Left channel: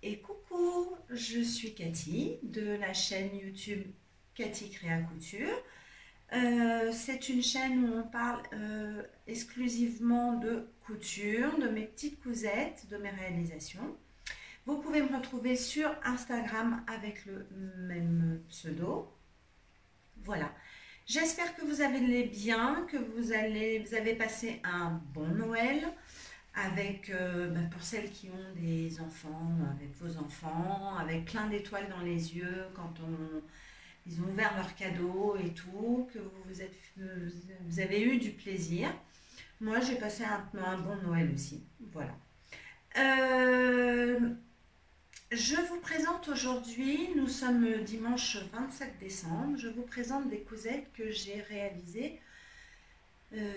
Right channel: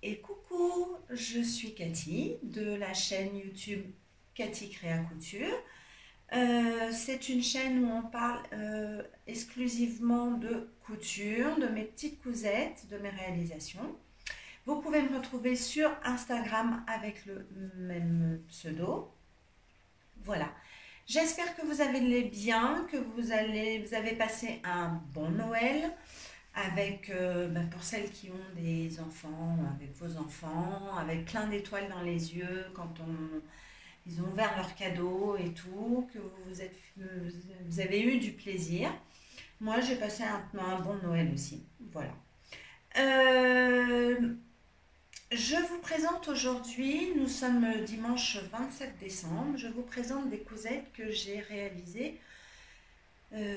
Et coucou, je suis Cathy de la chaîne YouTube Cathy Créa Couture. C'est une chaîne où on parle exclusivement de couture, de mes petites cousettes, de mes réalisations. Vous pouvez me retrouver sur Instagram avec le même pseudo. Voilà. J'espère que vous allez bien, que vous avez passé un bon Noël avec, pour celles qui ont des enfants, avec vos enfants, avec plein d'étoiles dans les yeux ils ont ouvert leurs cadeaux et tout, que vous avez eu du plaisir. Moi, j'ai passé un bon Noël aussi. Voilà. Euh, je vous présente aujourd'hui, nous sommes dimanche 27 décembre, je vous présente des cousettes que j'ai réalisées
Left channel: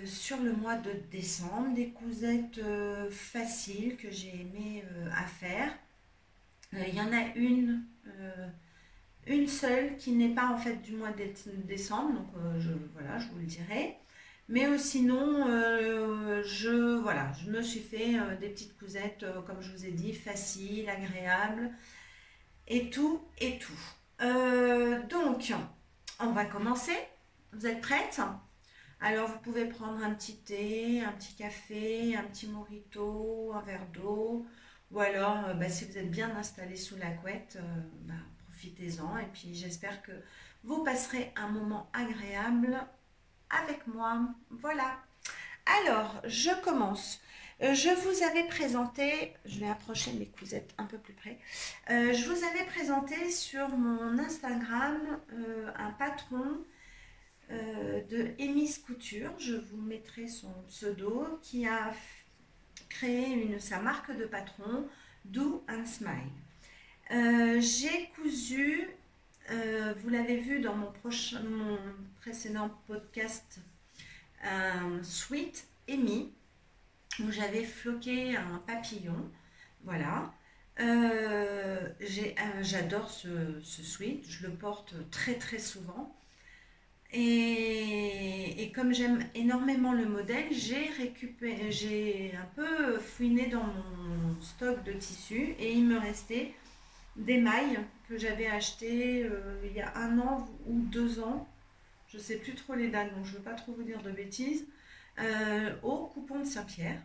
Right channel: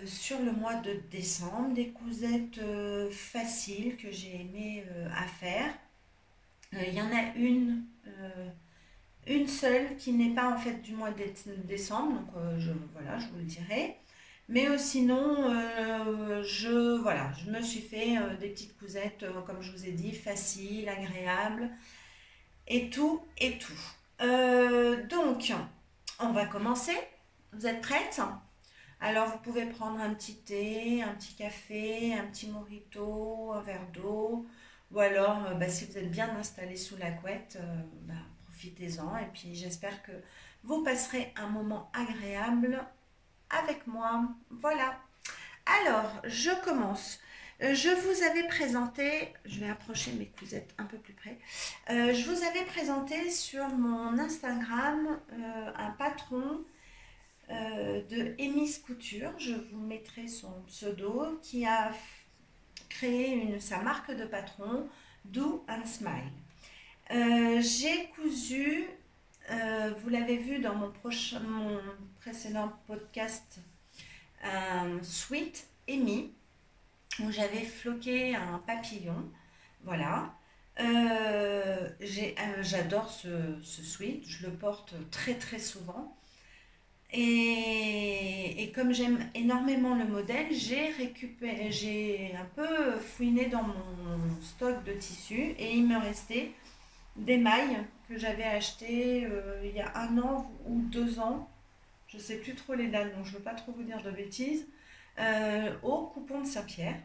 sur le mois de décembre, des cousettes faciles que j'ai aimé à faire. Il y en a une seule qui n'est pas en fait du mois de décembre, donc voilà, je vous le dirai. Mais sinon, je me suis fait des petites cousettes, comme je vous ai dit, faciles, agréables, et tout, et tout. Donc, on va commencer. Vous êtes prêtes? Alors, vous pouvez prendre un petit thé, un petit café, un petit mojito, un verre d'eau, ou alors, si vous êtes bien installé sous la couette, profitez-en. Et puis, j'espère que vous passerez un moment agréable avec moi. Voilà. Alors, je commence. Je vous avais présenté, je vais approcher mes cousettes un peu plus près. Je vous avais présenté sur mon Instagram un patron de Emis Couture. Je vous mettrai son pseudo qui a créé sa marque de patron, Do and Smile. J'ai cousu, vous l'avez vu dans mon précédent podcast, un sweat Emi où j'avais floqué un papillon. Voilà. J'adore ce sweat, je le porte très très souvent. Et comme j'aime énormément le modèle, j'ai un peu fouiné dans mon stock de tissus et il me restait des mailles que j'avais achetées il y a 1 an ou 2 ans. Je ne sais plus trop les dates, donc je ne veux pas trop vous dire de bêtises. Au coupon de Saint-Pierre.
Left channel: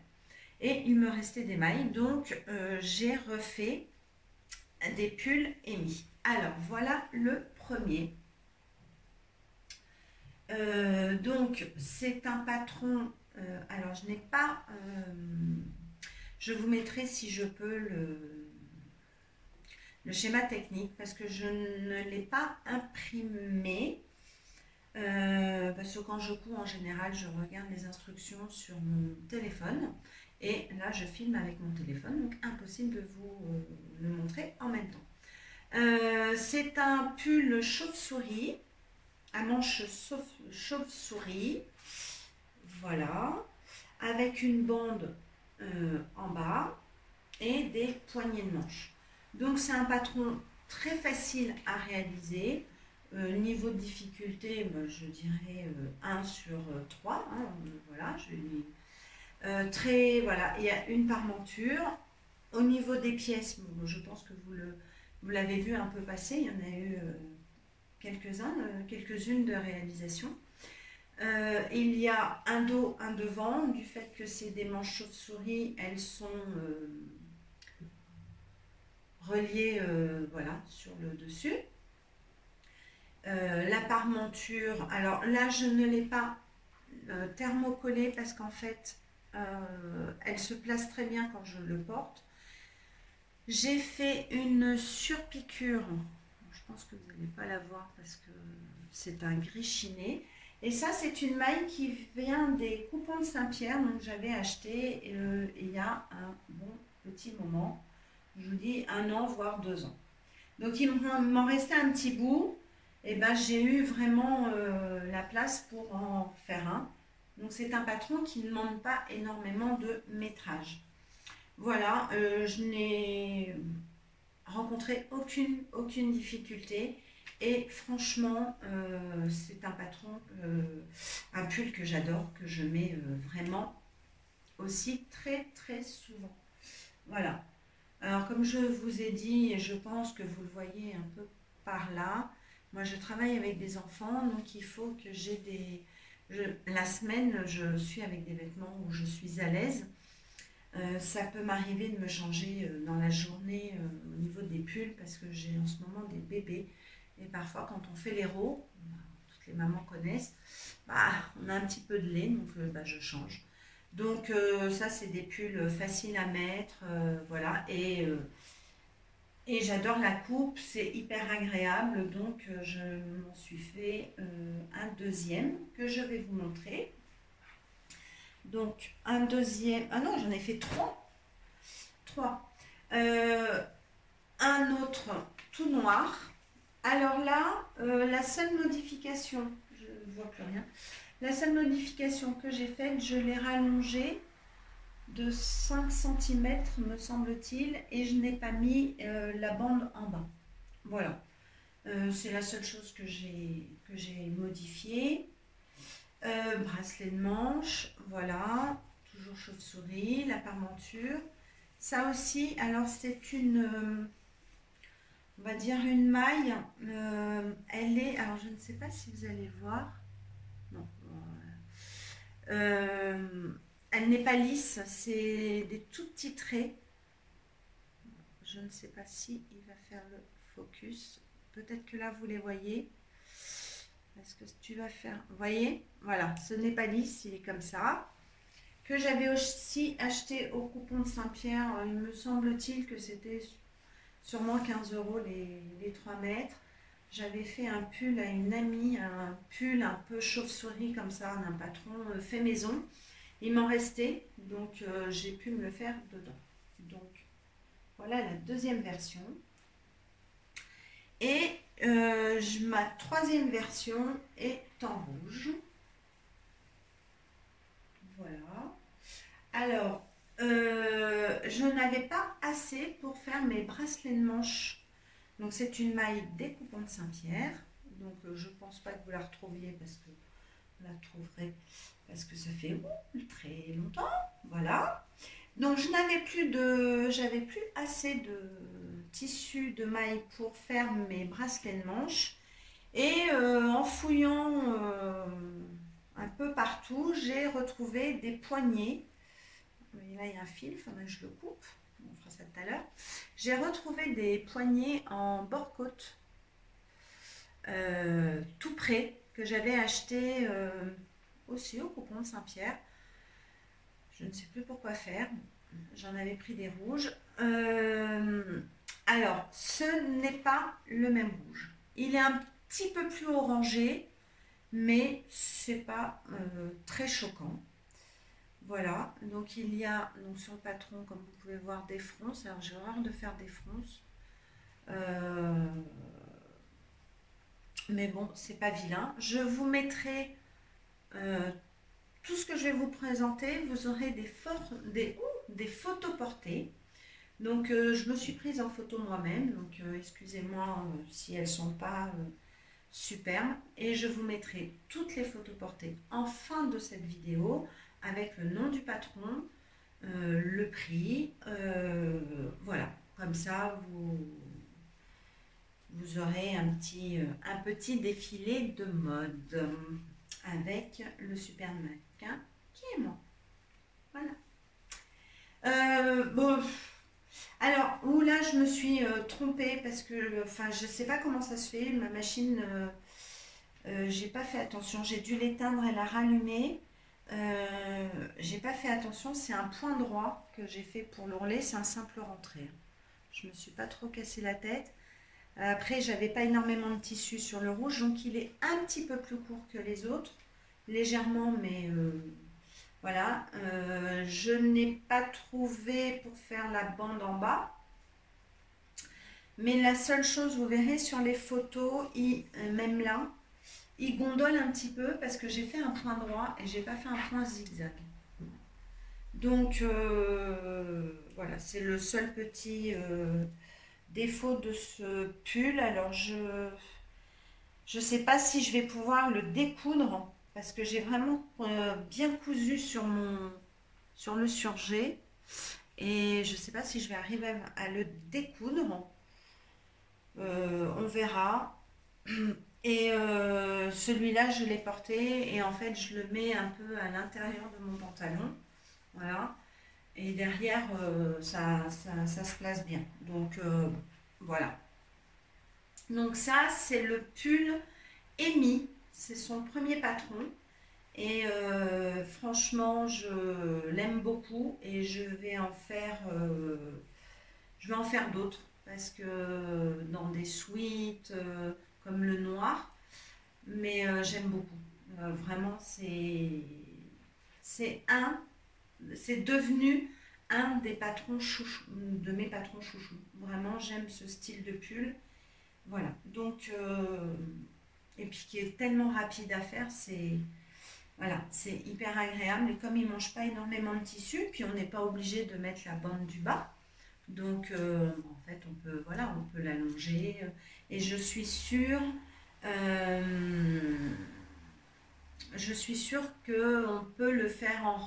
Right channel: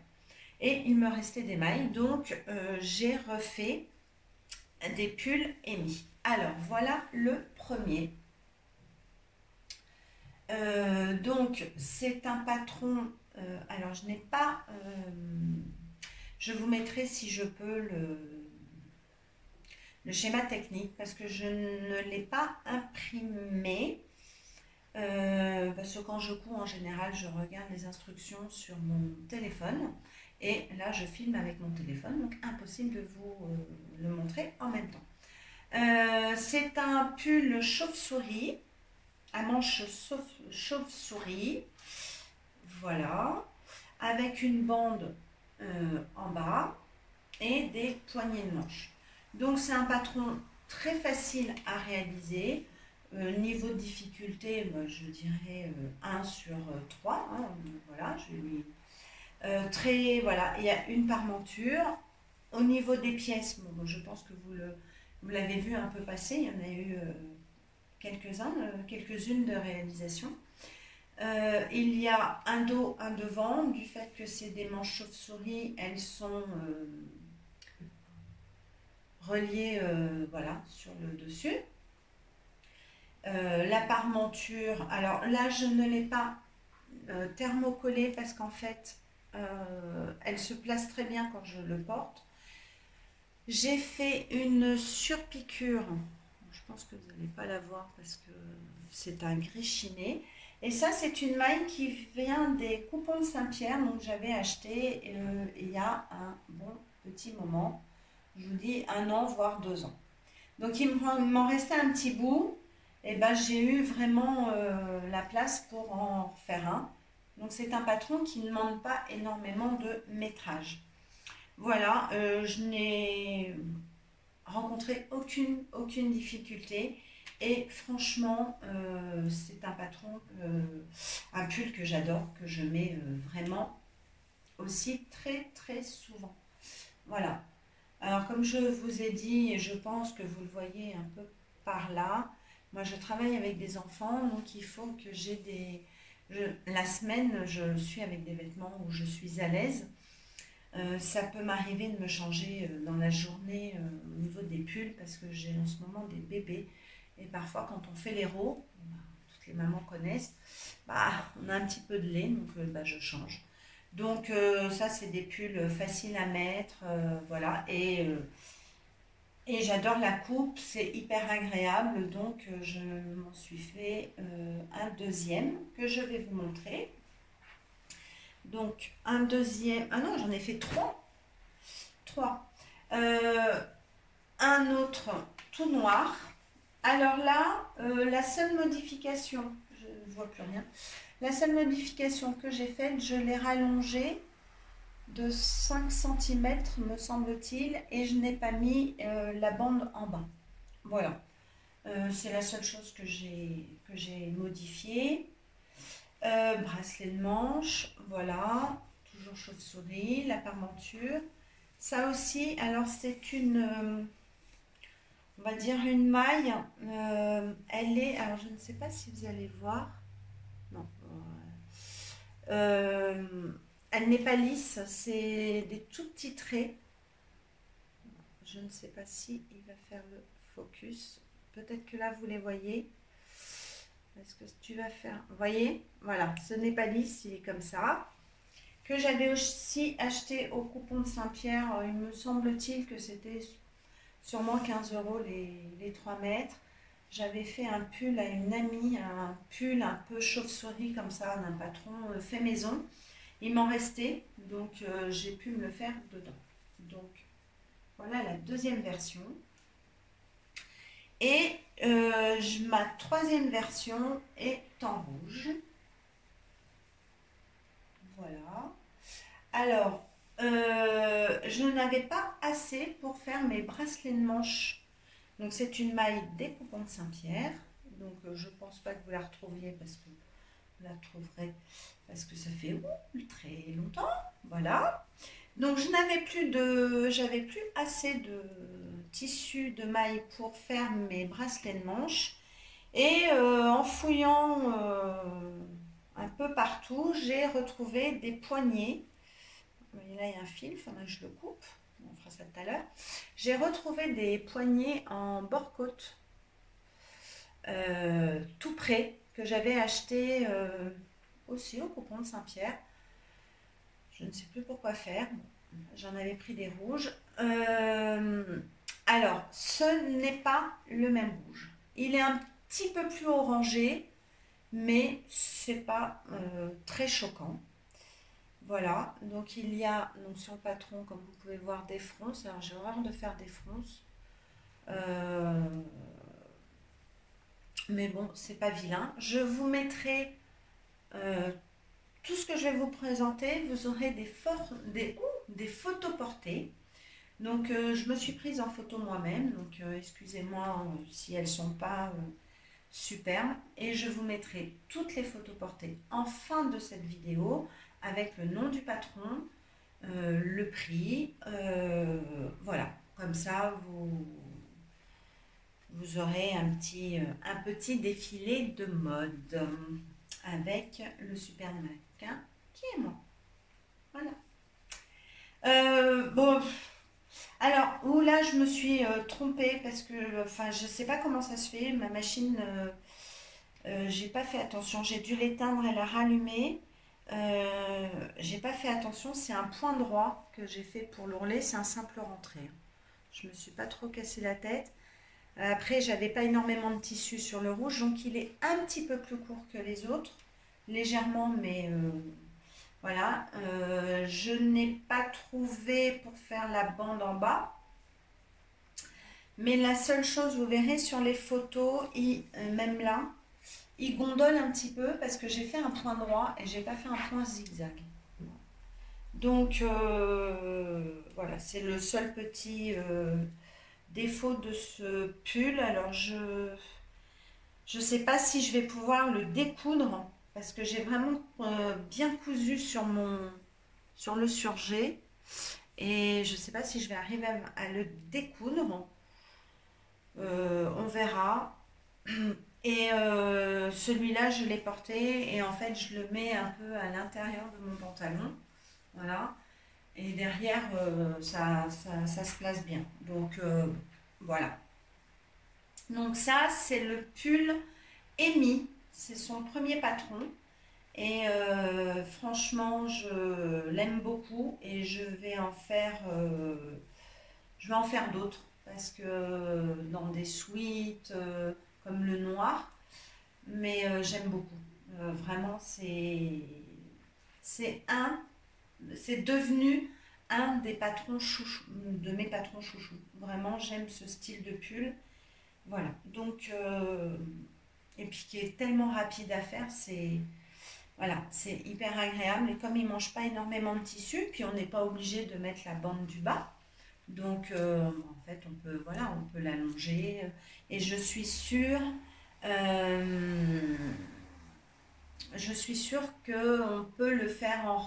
Et il me restait des mailles, donc j'ai refait des pulls Emi. Alors voilà le premier. Donc c'est un patron, alors je n'ai pas, je vous mettrai si je peux le schéma technique parce que je ne l'ai pas imprimé, parce que quand je couds en général je regarde les instructions sur mon téléphone et là je filme avec mon téléphone, donc impossible de vous le montrer en même temps. C'est un pull chauve-souris à manches chauve-souris, voilà, avec une bande en bas et des poignées de manches. Donc c'est un patron très facile à réaliser. Niveau de difficulté, je dirais 1 sur 3. Hein, voilà, voilà, il y a une parmenture. Au niveau des pièces, je pense que vous l'avez vu un peu passer. Il y en a eu quelques-unes de réalisation. Il y a un dos, un devant, du fait que c'est des manches chauve-souris, elles sont reliées voilà, sur le dessus. La parmenture, alors là je ne l'ai pas thermocollée parce qu'en fait elle se place très bien quand je le porte. J'ai fait une surpiqûre. Je pense que vous n'allez pas la voir parce que c'est un gris chiné. Et ça, c'est une maille qui vient des coupons de Saint-Pierre. Donc, j'avais acheté il y a un bon petit moment. Je vous dis 1 an, voire 2 ans. Donc, il m'en restait un petit bout. Et j'ai eu vraiment la place pour en faire un. Donc, c'est un patron qui ne demande pas énormément de métrage. Voilà, je n'ai rencontré aucune difficulté et franchement c'est un patron, un pull que j'adore, que je mets vraiment aussi très très souvent. Voilà, Alors, comme je vous ai dit, et je pense que vous le voyez un peu par là, moi je travaille avec des enfants, donc il faut que j'ai des... la semaine, je suis avec des vêtements où je suis à l'aise. Ça peut m'arriver de me changer dans la journée au niveau des pulls parce que j'ai en ce moment des bébés. Et parfois, quand on fait les l'héro, toutes les mamans connaissent, bah, on a un petit peu de lait, donc bah, je change. Donc ça, c'est des pulls faciles à mettre, voilà. Et j'adore la coupe, c'est hyper agréable, donc je m'en suis fait un deuxième que je vais vous montrer. Donc un deuxième, ah non, j'en ai fait trois. Trois. Euh, un autre tout noir. Alors là, la seule modification, je ne vois plus rien, la seule modification que j'ai faite, je l'ai rallongé de 5 cm me semble-t-il, et je n'ai pas mis la bande en bas. Voilà, c'est la seule chose que j'ai modifiée. Bracelet de manche, voilà, toujours chauve-souris, la parmenture. Ça aussi, alors c'est une, on va dire une maille, elle est, alors je ne sais pas si vous allez voir, non, elle n'est pas lisse, c'est des tout petits traits. Je ne sais pas si il va faire le focus. Peut-être que là vous les voyez. Est-ce que tu vas faire... Vous voyez, voilà, ce n'est pas lisse, il est comme ça. Que j'avais aussi acheté au coupon de Saint-Pierre. Il me semble-t-il que c'était sûrement 15 € les 3 mètres. J'avais fait un pull à une amie, un pull un peu chauve-souris comme ça, d'un patron fait maison. Il m'en restait, donc j'ai pu me le faire dedans. Donc voilà la deuxième version. Et ma troisième version est en rouge. Voilà. Alors, je n'avais pas assez pour faire mes bracelets de manche. Donc c'est une maille des coupons de Saint-Pierre. Donc je ne pense pas que vous la retrouviez parce que vous la trouverez parce que ça fait très longtemps. Voilà. Donc j'avais plus assez de tissu de maille pour faire mes bracelets de manche. Et en fouillant un peu partout, j'ai retrouvé des poignets. Là, il y a un fil, il faudrait que je le coupe. On fera ça tout à l'heure. J'ai retrouvé des poignets en bord-côte, tout près, que j'avais acheté aussi au coupon de Saint-Pierre. Je ne sais plus pourquoi faire. J'en avais pris des rouges. Alors, ce n'est pas le même rouge. Il est un petit peu plus orangé, mais c'est pas très choquant. Voilà, donc il y a donc sur le patron, comme vous pouvez voir, des fronces. Alors j'ai horreur de faire des fronces, mais bon, c'est pas vilain. Je vous mettrai tout ce que je vais vous présenter. Vous aurez des photos portées. Donc je me suis prise en photo moi-même, donc excusez-moi si elles sont pas superbes, et je vous mettrai toutes les photos portées en fin de cette vidéo avec le nom du patron, le prix, voilà, comme ça vous aurez un petit défilé de mode avec le super mannequin qui est moi. Voilà. Bon, alors, là je me suis trompée parce que, enfin, je sais pas comment ça se fait, ma machine, j'ai pas fait attention, j'ai dû l'éteindre et la rallumer. J'ai pas fait attention, c'est un point droit que j'ai fait pour l'ourlet, c'est un simple rentré. Je me suis pas trop cassé la tête. Après, j'avais pas énormément de tissu sur le rouge, donc il est un petit peu plus court que les autres, légèrement, mais voilà. Je n'ai pas trouvé pour faire la bande en bas, mais la seule chose, vous verrez sur les photos, même là, il gondole un petit peu parce que j'ai fait un point droit et j'ai pas fait un point zigzag. Donc voilà, c'est le seul petit défaut de ce pull. Alors je sais pas si je vais pouvoir le découdre parce que j'ai vraiment bien cousu sur le surjet, Et je ne sais pas si je vais arriver à le découdre. On verra. Et celui-là, je l'ai porté et en fait, je le mets un peu à l'intérieur de mon pantalon. Voilà. Et derrière, ça se place bien. Donc, voilà. Donc ça, c'est le pull Amy. C'est son premier patron. Et franchement, je l'aime beaucoup et je vais en faire d'autres parce que dans des suites comme le noir, mais j'aime beaucoup. Vraiment, c'est un, c'est devenu un des patrons chouchou, de mes patrons chouchou. Vraiment, j'aime ce style de pull. Voilà. Donc, et puis qui est tellement rapide à faire, c'est hyper agréable. Et comme il ne mange pas énormément de tissu, puis on n'est pas obligé de mettre la bande du bas. Donc, en fait, on peut l'allonger. Et je suis sûre qu'on peut le faire en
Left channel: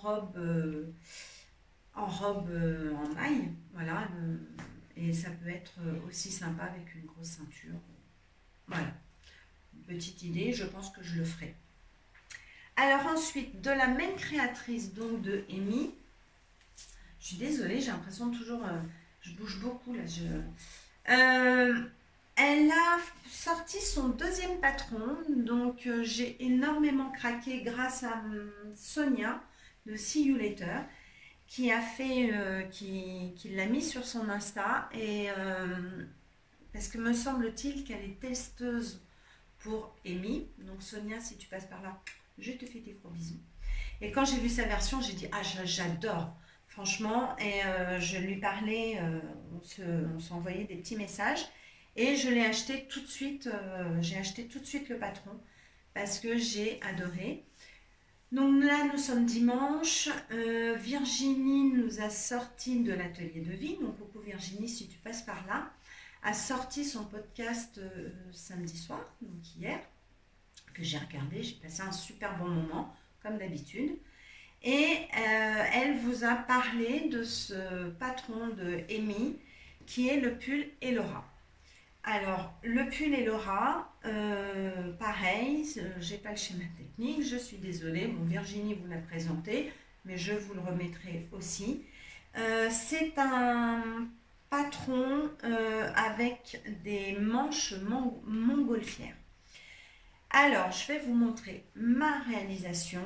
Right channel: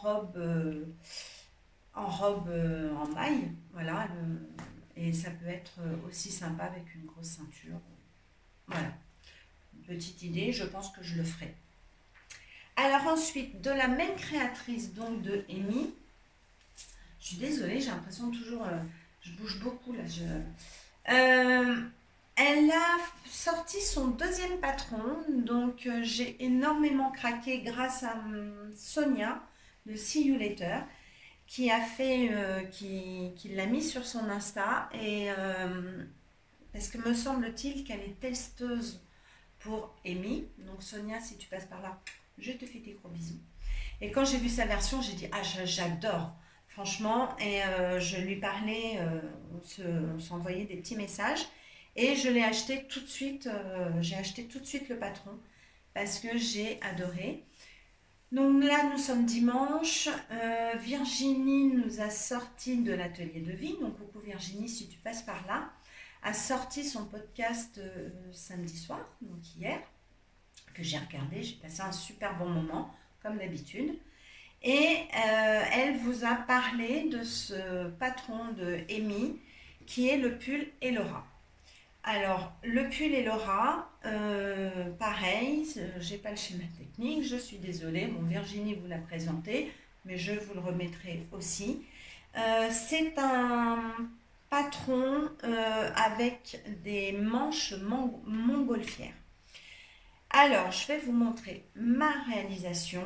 maille. Voilà. Et ça peut être aussi sympa avec une grosse ceinture. Voilà. Une petite idée, je pense que je le ferai. Alors ensuite, de la même créatrice, donc de Amy. Je suis désolée, j'ai l'impression de toujours... je bouge beaucoup là. Elle a sorti son deuxième patron, donc j'ai énormément craqué grâce à Sonia de See You Later qui l'a mis sur son Insta et parce que me semble-t-il qu'elle est testeuse pour Amy. Donc Sonia, si tu passes par là, je te fais des gros bisous. Et quand j'ai vu sa version, j'ai dit ah j'adore. Franchement, et je lui parlais, on s'envoyait des petits messages et je l'ai acheté tout de suite, j'ai acheté tout de suite le patron parce que j'ai adoré. Donc là, nous sommes dimanche, Virginie nous a sorti de l'atelier de vie, donc coucou Virginie si tu passes par là, a sorti son podcast samedi soir, donc hier, que j'ai regardé, j'ai passé un super bon moment, comme d'habitude. Et elle vous a parlé de ce patron de Amy qui est le pull Elora. Alors, le pull Elora, pareil, j'ai pas le schéma technique, je suis désolée. Bon, Virginie vous l'a présenté, mais je vous le remettrai aussi. C'est un patron avec des manches montgolfières. Alors, je vais vous montrer ma réalisation.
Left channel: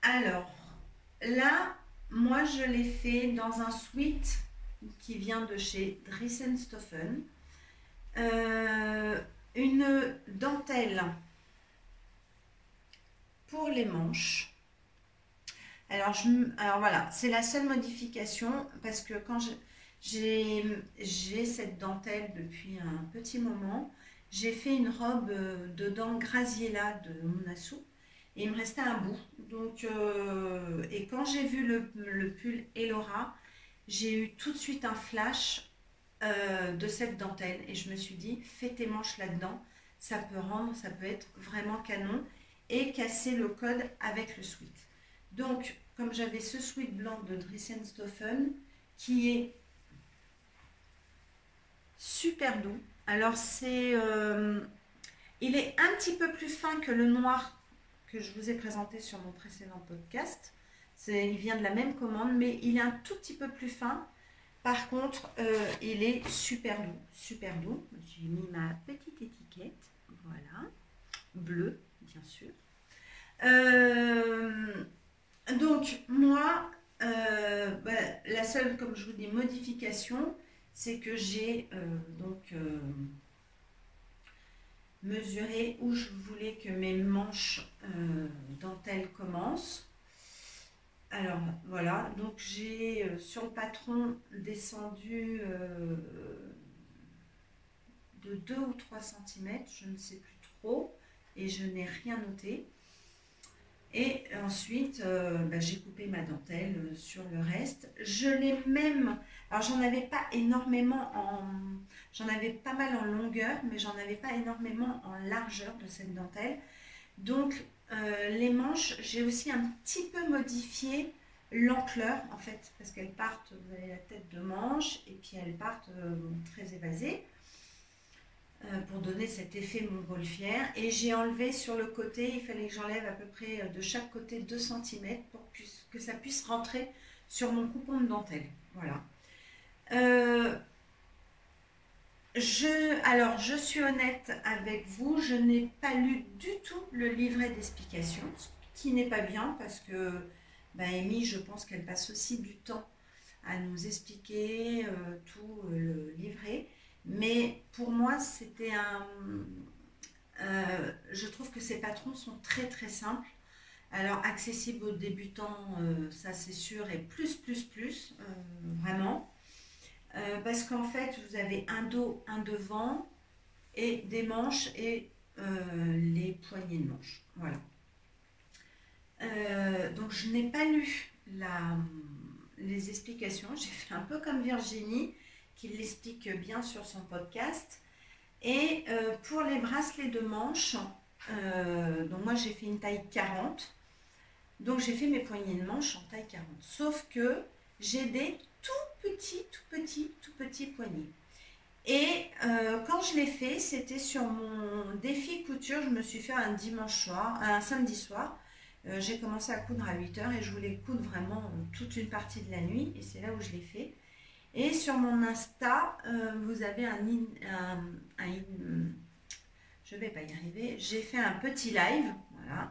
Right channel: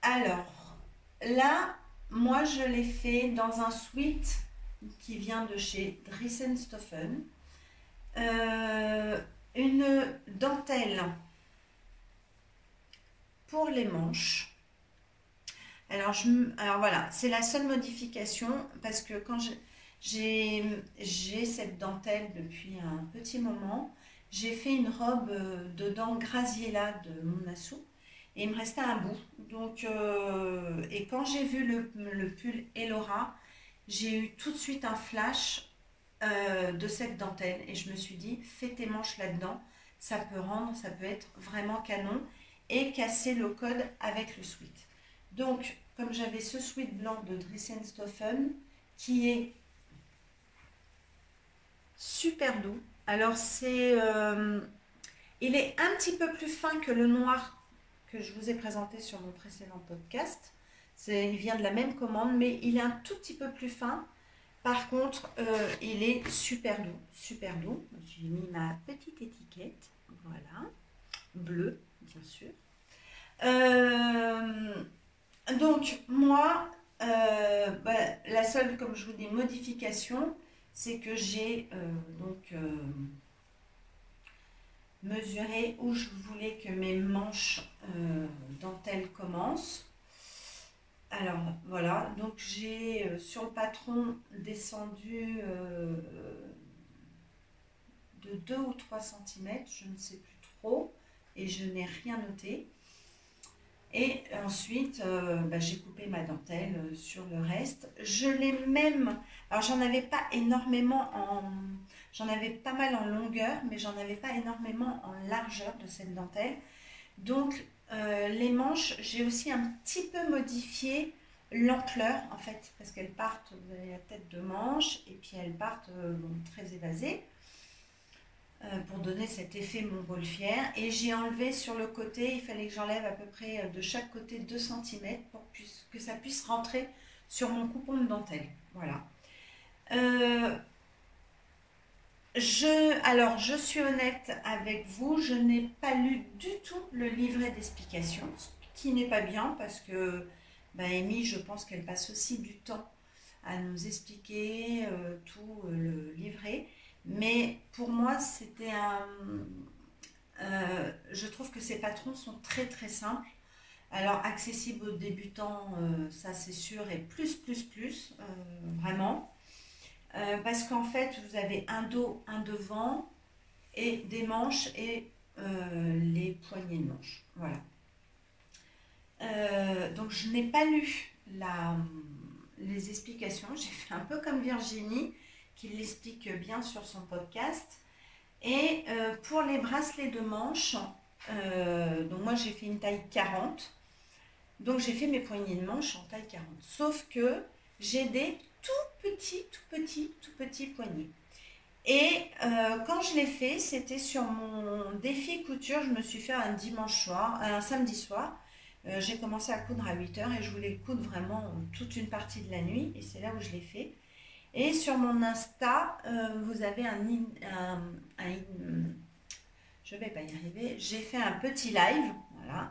Alors, là, moi, je l'ai fait dans un sweat qui vient de chez Dressenstoffen. Une dentelle pour les manches. Alors voilà, c'est la seule modification parce que quand j'ai cette dentelle depuis un petit moment, j'ai fait une robe de dents Graziella de Monassou. Et il me restait un bout. Donc, et quand j'ai vu le pull Elora, j'ai eu tout de suite un flash de cette dentelle. Et je me suis dit, fais tes manches là-dedans. Ça peut être vraiment canon. Et casser le code avec le sweat. Donc, comme j'avais ce sweat blanc de Dressenstoffen, qui est super doux. Alors, il est un petit peu plus fin que le noir que je vous ai présenté sur mon précédent podcast. Il vient de la même commande, mais il est un tout petit peu plus fin. Par contre, il est super doux, super doux. J'ai mis ma petite étiquette, voilà, bleue, bien sûr. Donc, moi, la seule, comme je vous dis, modification, c'est que j'ai mesurer où je voulais que mes manches dentelle commencent. Alors voilà, donc j'ai sur le patron descendu de 2 ou 3 cm, je ne sais plus trop, et je n'ai rien noté. Et ensuite, j'ai coupé ma dentelle sur le reste. Je l'ai même... Alors, j'en avais pas énormément J'en avais pas mal en longueur, mais j'en avais pas énormément en largeur de cette dentelle. Donc, les manches, j'ai aussi un petit peu modifié l'ampleur en fait, parce qu'elles partent, vous avez la tête de manche, et puis elles partent bon, très évasées, pour donner cet effet montgolfière. Et j'ai enlevé sur le côté, il fallait que j'enlève à peu près de chaque côté 2 cm pour que ça puisse rentrer sur mon coupon de dentelle. Voilà. Alors, je suis honnête avec vous, je n'ai pas lu du tout le livret d'explication, ce qui n'est pas bien parce que Amy, je pense qu'elle passe aussi du temps à nous expliquer tout le livret. Mais pour moi, c'était je trouve que ces patrons sont très très simples. Alors, accessibles aux débutants, ça c'est sûr, et plus, vraiment. Parce qu'en fait, vous avez un dos, un devant, et des manches et les poignées de manches. Voilà. Donc, je n'ai pas lu les explications. J'ai fait un peu comme Virginie, qui l'explique bien sur son podcast. Et pour les bracelets de manches, donc moi j'ai fait une taille 40. Donc j'ai fait mes poignées de manche en taille 40. Sauf que j'ai des tout petits poignets. Et quand je l'ai fait, c'était sur mon défi couture. Je me suis fait un samedi soir. J'ai commencé à coudre à 8h et je voulais coudre vraiment toute une partie de la nuit. Et c'est là où je l'ai fait. Et sur mon Insta, vous avez je vais pas y arriver. J'ai fait un petit live, voilà,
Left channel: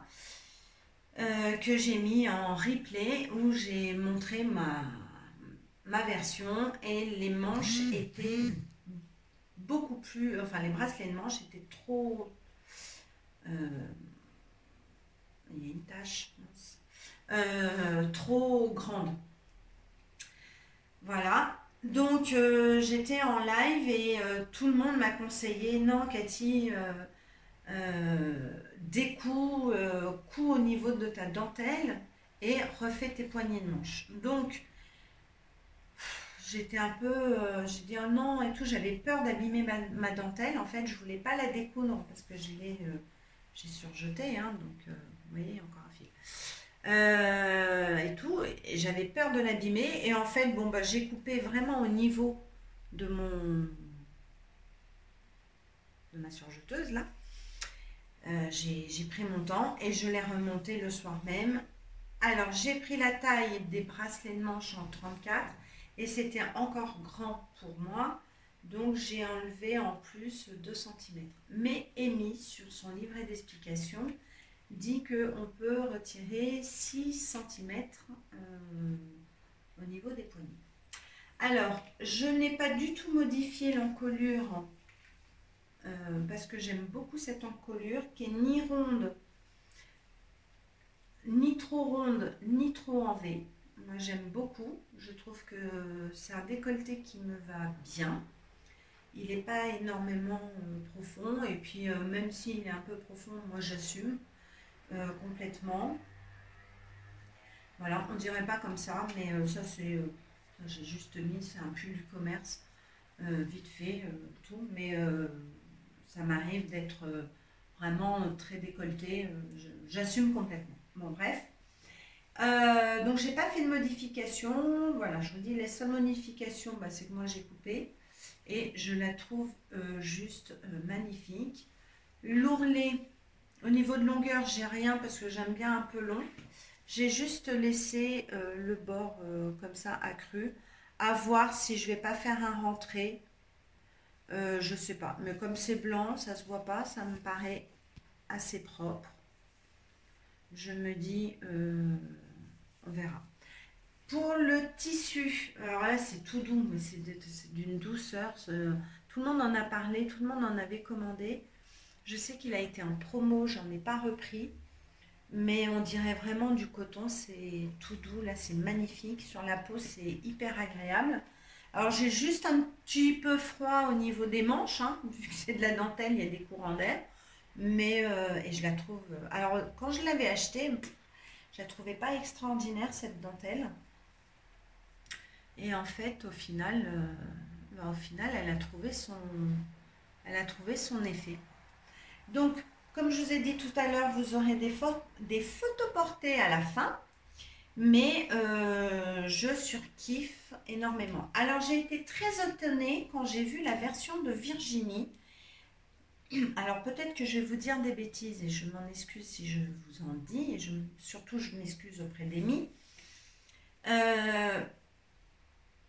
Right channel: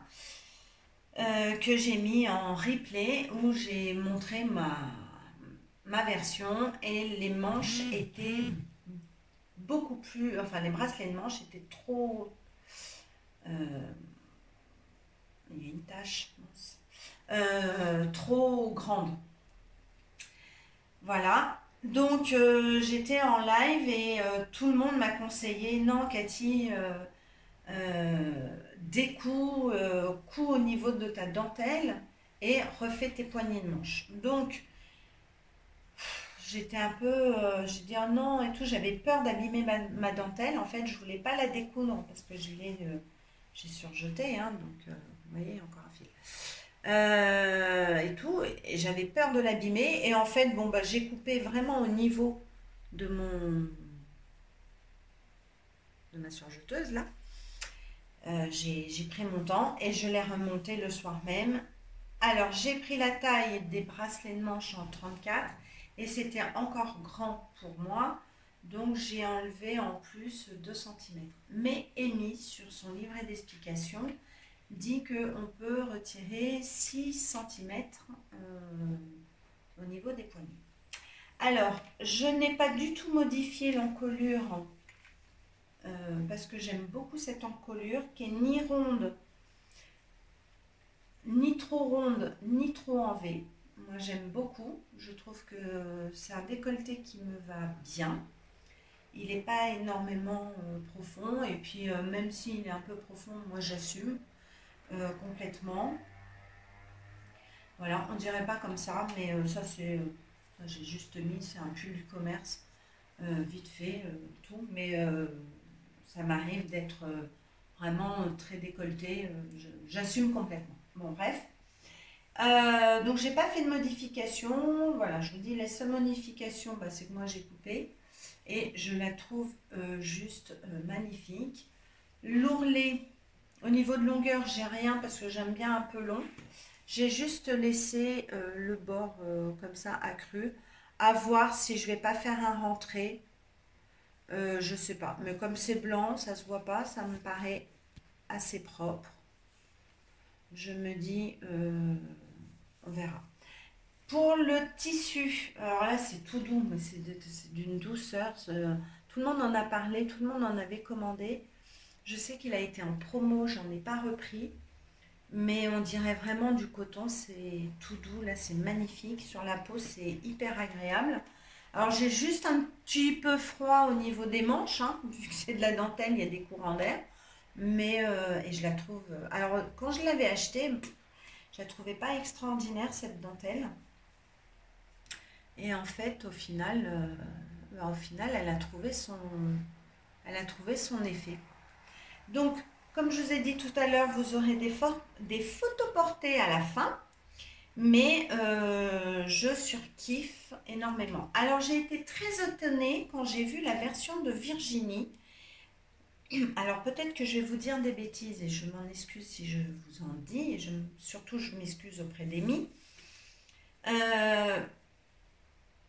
que j'ai mis en replay où j'ai montré ma version et les manches étaient beaucoup plus, enfin les bracelets de manches étaient trop, il y a une tache, trop grande. Voilà. Donc j'étais en live et tout le monde m'a conseillé, non Cathy, découds, couds au niveau de ta dentelle et refais tes poignées de manche. Donc j'étais un peu, j'ai dit oh non et tout, j'avais peur d'abîmer ma dentelle. En fait, je voulais pas la découdre parce que j'ai surjeté, hein, donc vous voyez, encore un fil. Et tout, et j'avais peur de l'abîmer. Et en fait, bon, j'ai coupé vraiment au niveau de ma surjeteuse là. J'ai pris mon temps et je l'ai remonté le soir même. Alors, j'ai pris la taille des bracelets de manche en 34 et c'était encore grand pour moi. Donc, j'ai enlevé en plus 2 cm. Mais Amy, sur son livret d'explication, dit qu'on peut retirer 6 cm au niveau des poignets. Alors, je n'ai pas du tout modifié l'encolure parce que j'aime beaucoup cette encolure qui est ni ronde, ni trop en V. Moi, j'aime beaucoup. Je trouve que c'est un décolleté qui me va bien. Il n'est pas énormément profond et puis même s'il est un peu profond, moi j'assume. Complètement. Voilà, on dirait pas comme ça, mais ça c'est, j'ai juste mis, c'est un pull du commerce, vite fait, tout, mais ça m'arrive d'être vraiment très décolleté, j'assume complètement. Bon, bref. Donc j'ai pas fait de modification, voilà, je vous dis, la seule modification, c'est que moi j'ai coupé et je la trouve juste magnifique. L'ourlet, au niveau de longueur, j'ai rien parce que j'aime bien un peu long. J'ai juste laissé le bord comme ça accru. À voir si je vais pas faire un rentré. Je sais pas. Mais comme c'est blanc, ça se voit pas. Ça me paraît assez propre. Je me dis, on verra. Pour le tissu, alors là c'est tout doux, mais c'est d'une douceur. Tout le monde en a parlé, tout le monde en avait commandé. Je sais qu'il a été en promo, j'en ai pas repris, mais on dirait vraiment du coton, c'est tout doux, là c'est magnifique, sur la peau c'est hyper agréable. Alors j'ai juste un petit peu froid au niveau des manches, hein, vu que c'est de la dentelle, il y a des courants d'air, mais et je la trouve, alors quand je l'avais achetée, je la trouvais pas extraordinaire cette dentelle, et en fait au final elle a trouvé son effet. Donc, comme je vous ai dit tout à l'heure, vous aurez des photos portées à la fin. Mais je surkiffe énormément. Alors j'ai été très étonnée quand j'ai vu la version de Virginie. Alors peut-être que je vais vous dire des bêtises et je m'en excuse si je vous en dis. Et surtout je m'excuse auprès d'Amy. Euh,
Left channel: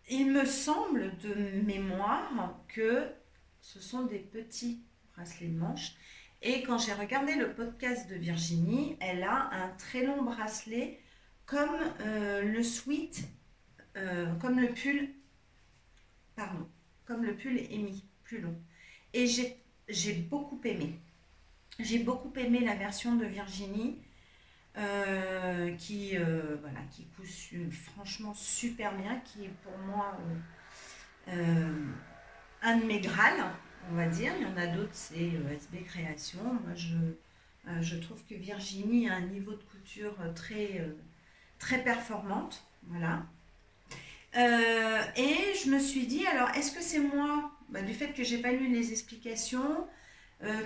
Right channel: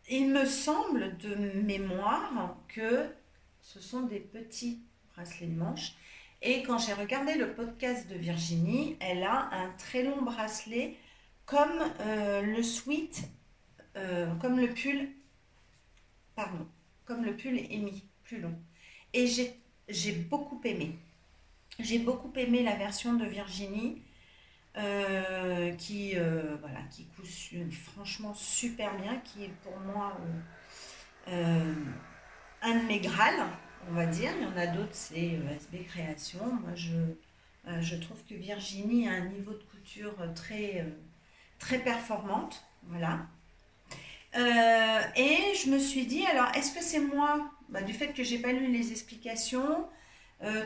il me semble de mémoire que ce sont des petits bracelets de manche. Et quand j'ai regardé le podcast de Virginie, elle a un très long bracelet comme le sweat, comme le pull, pardon, comme le pull Amy, plus long. Et j'ai beaucoup aimé. J'ai beaucoup aimé la version de Virginie voilà, qui coûte franchement super bien, qui est pour moi un de mes grâles, on va dire. Il y en a d'autres, c'est SB Création. Moi, je trouve que Virginie a un niveau de couture très performante. Voilà. Et je me suis dit, alors, est-ce que c'est moi, du fait que j'ai pas lu les explications,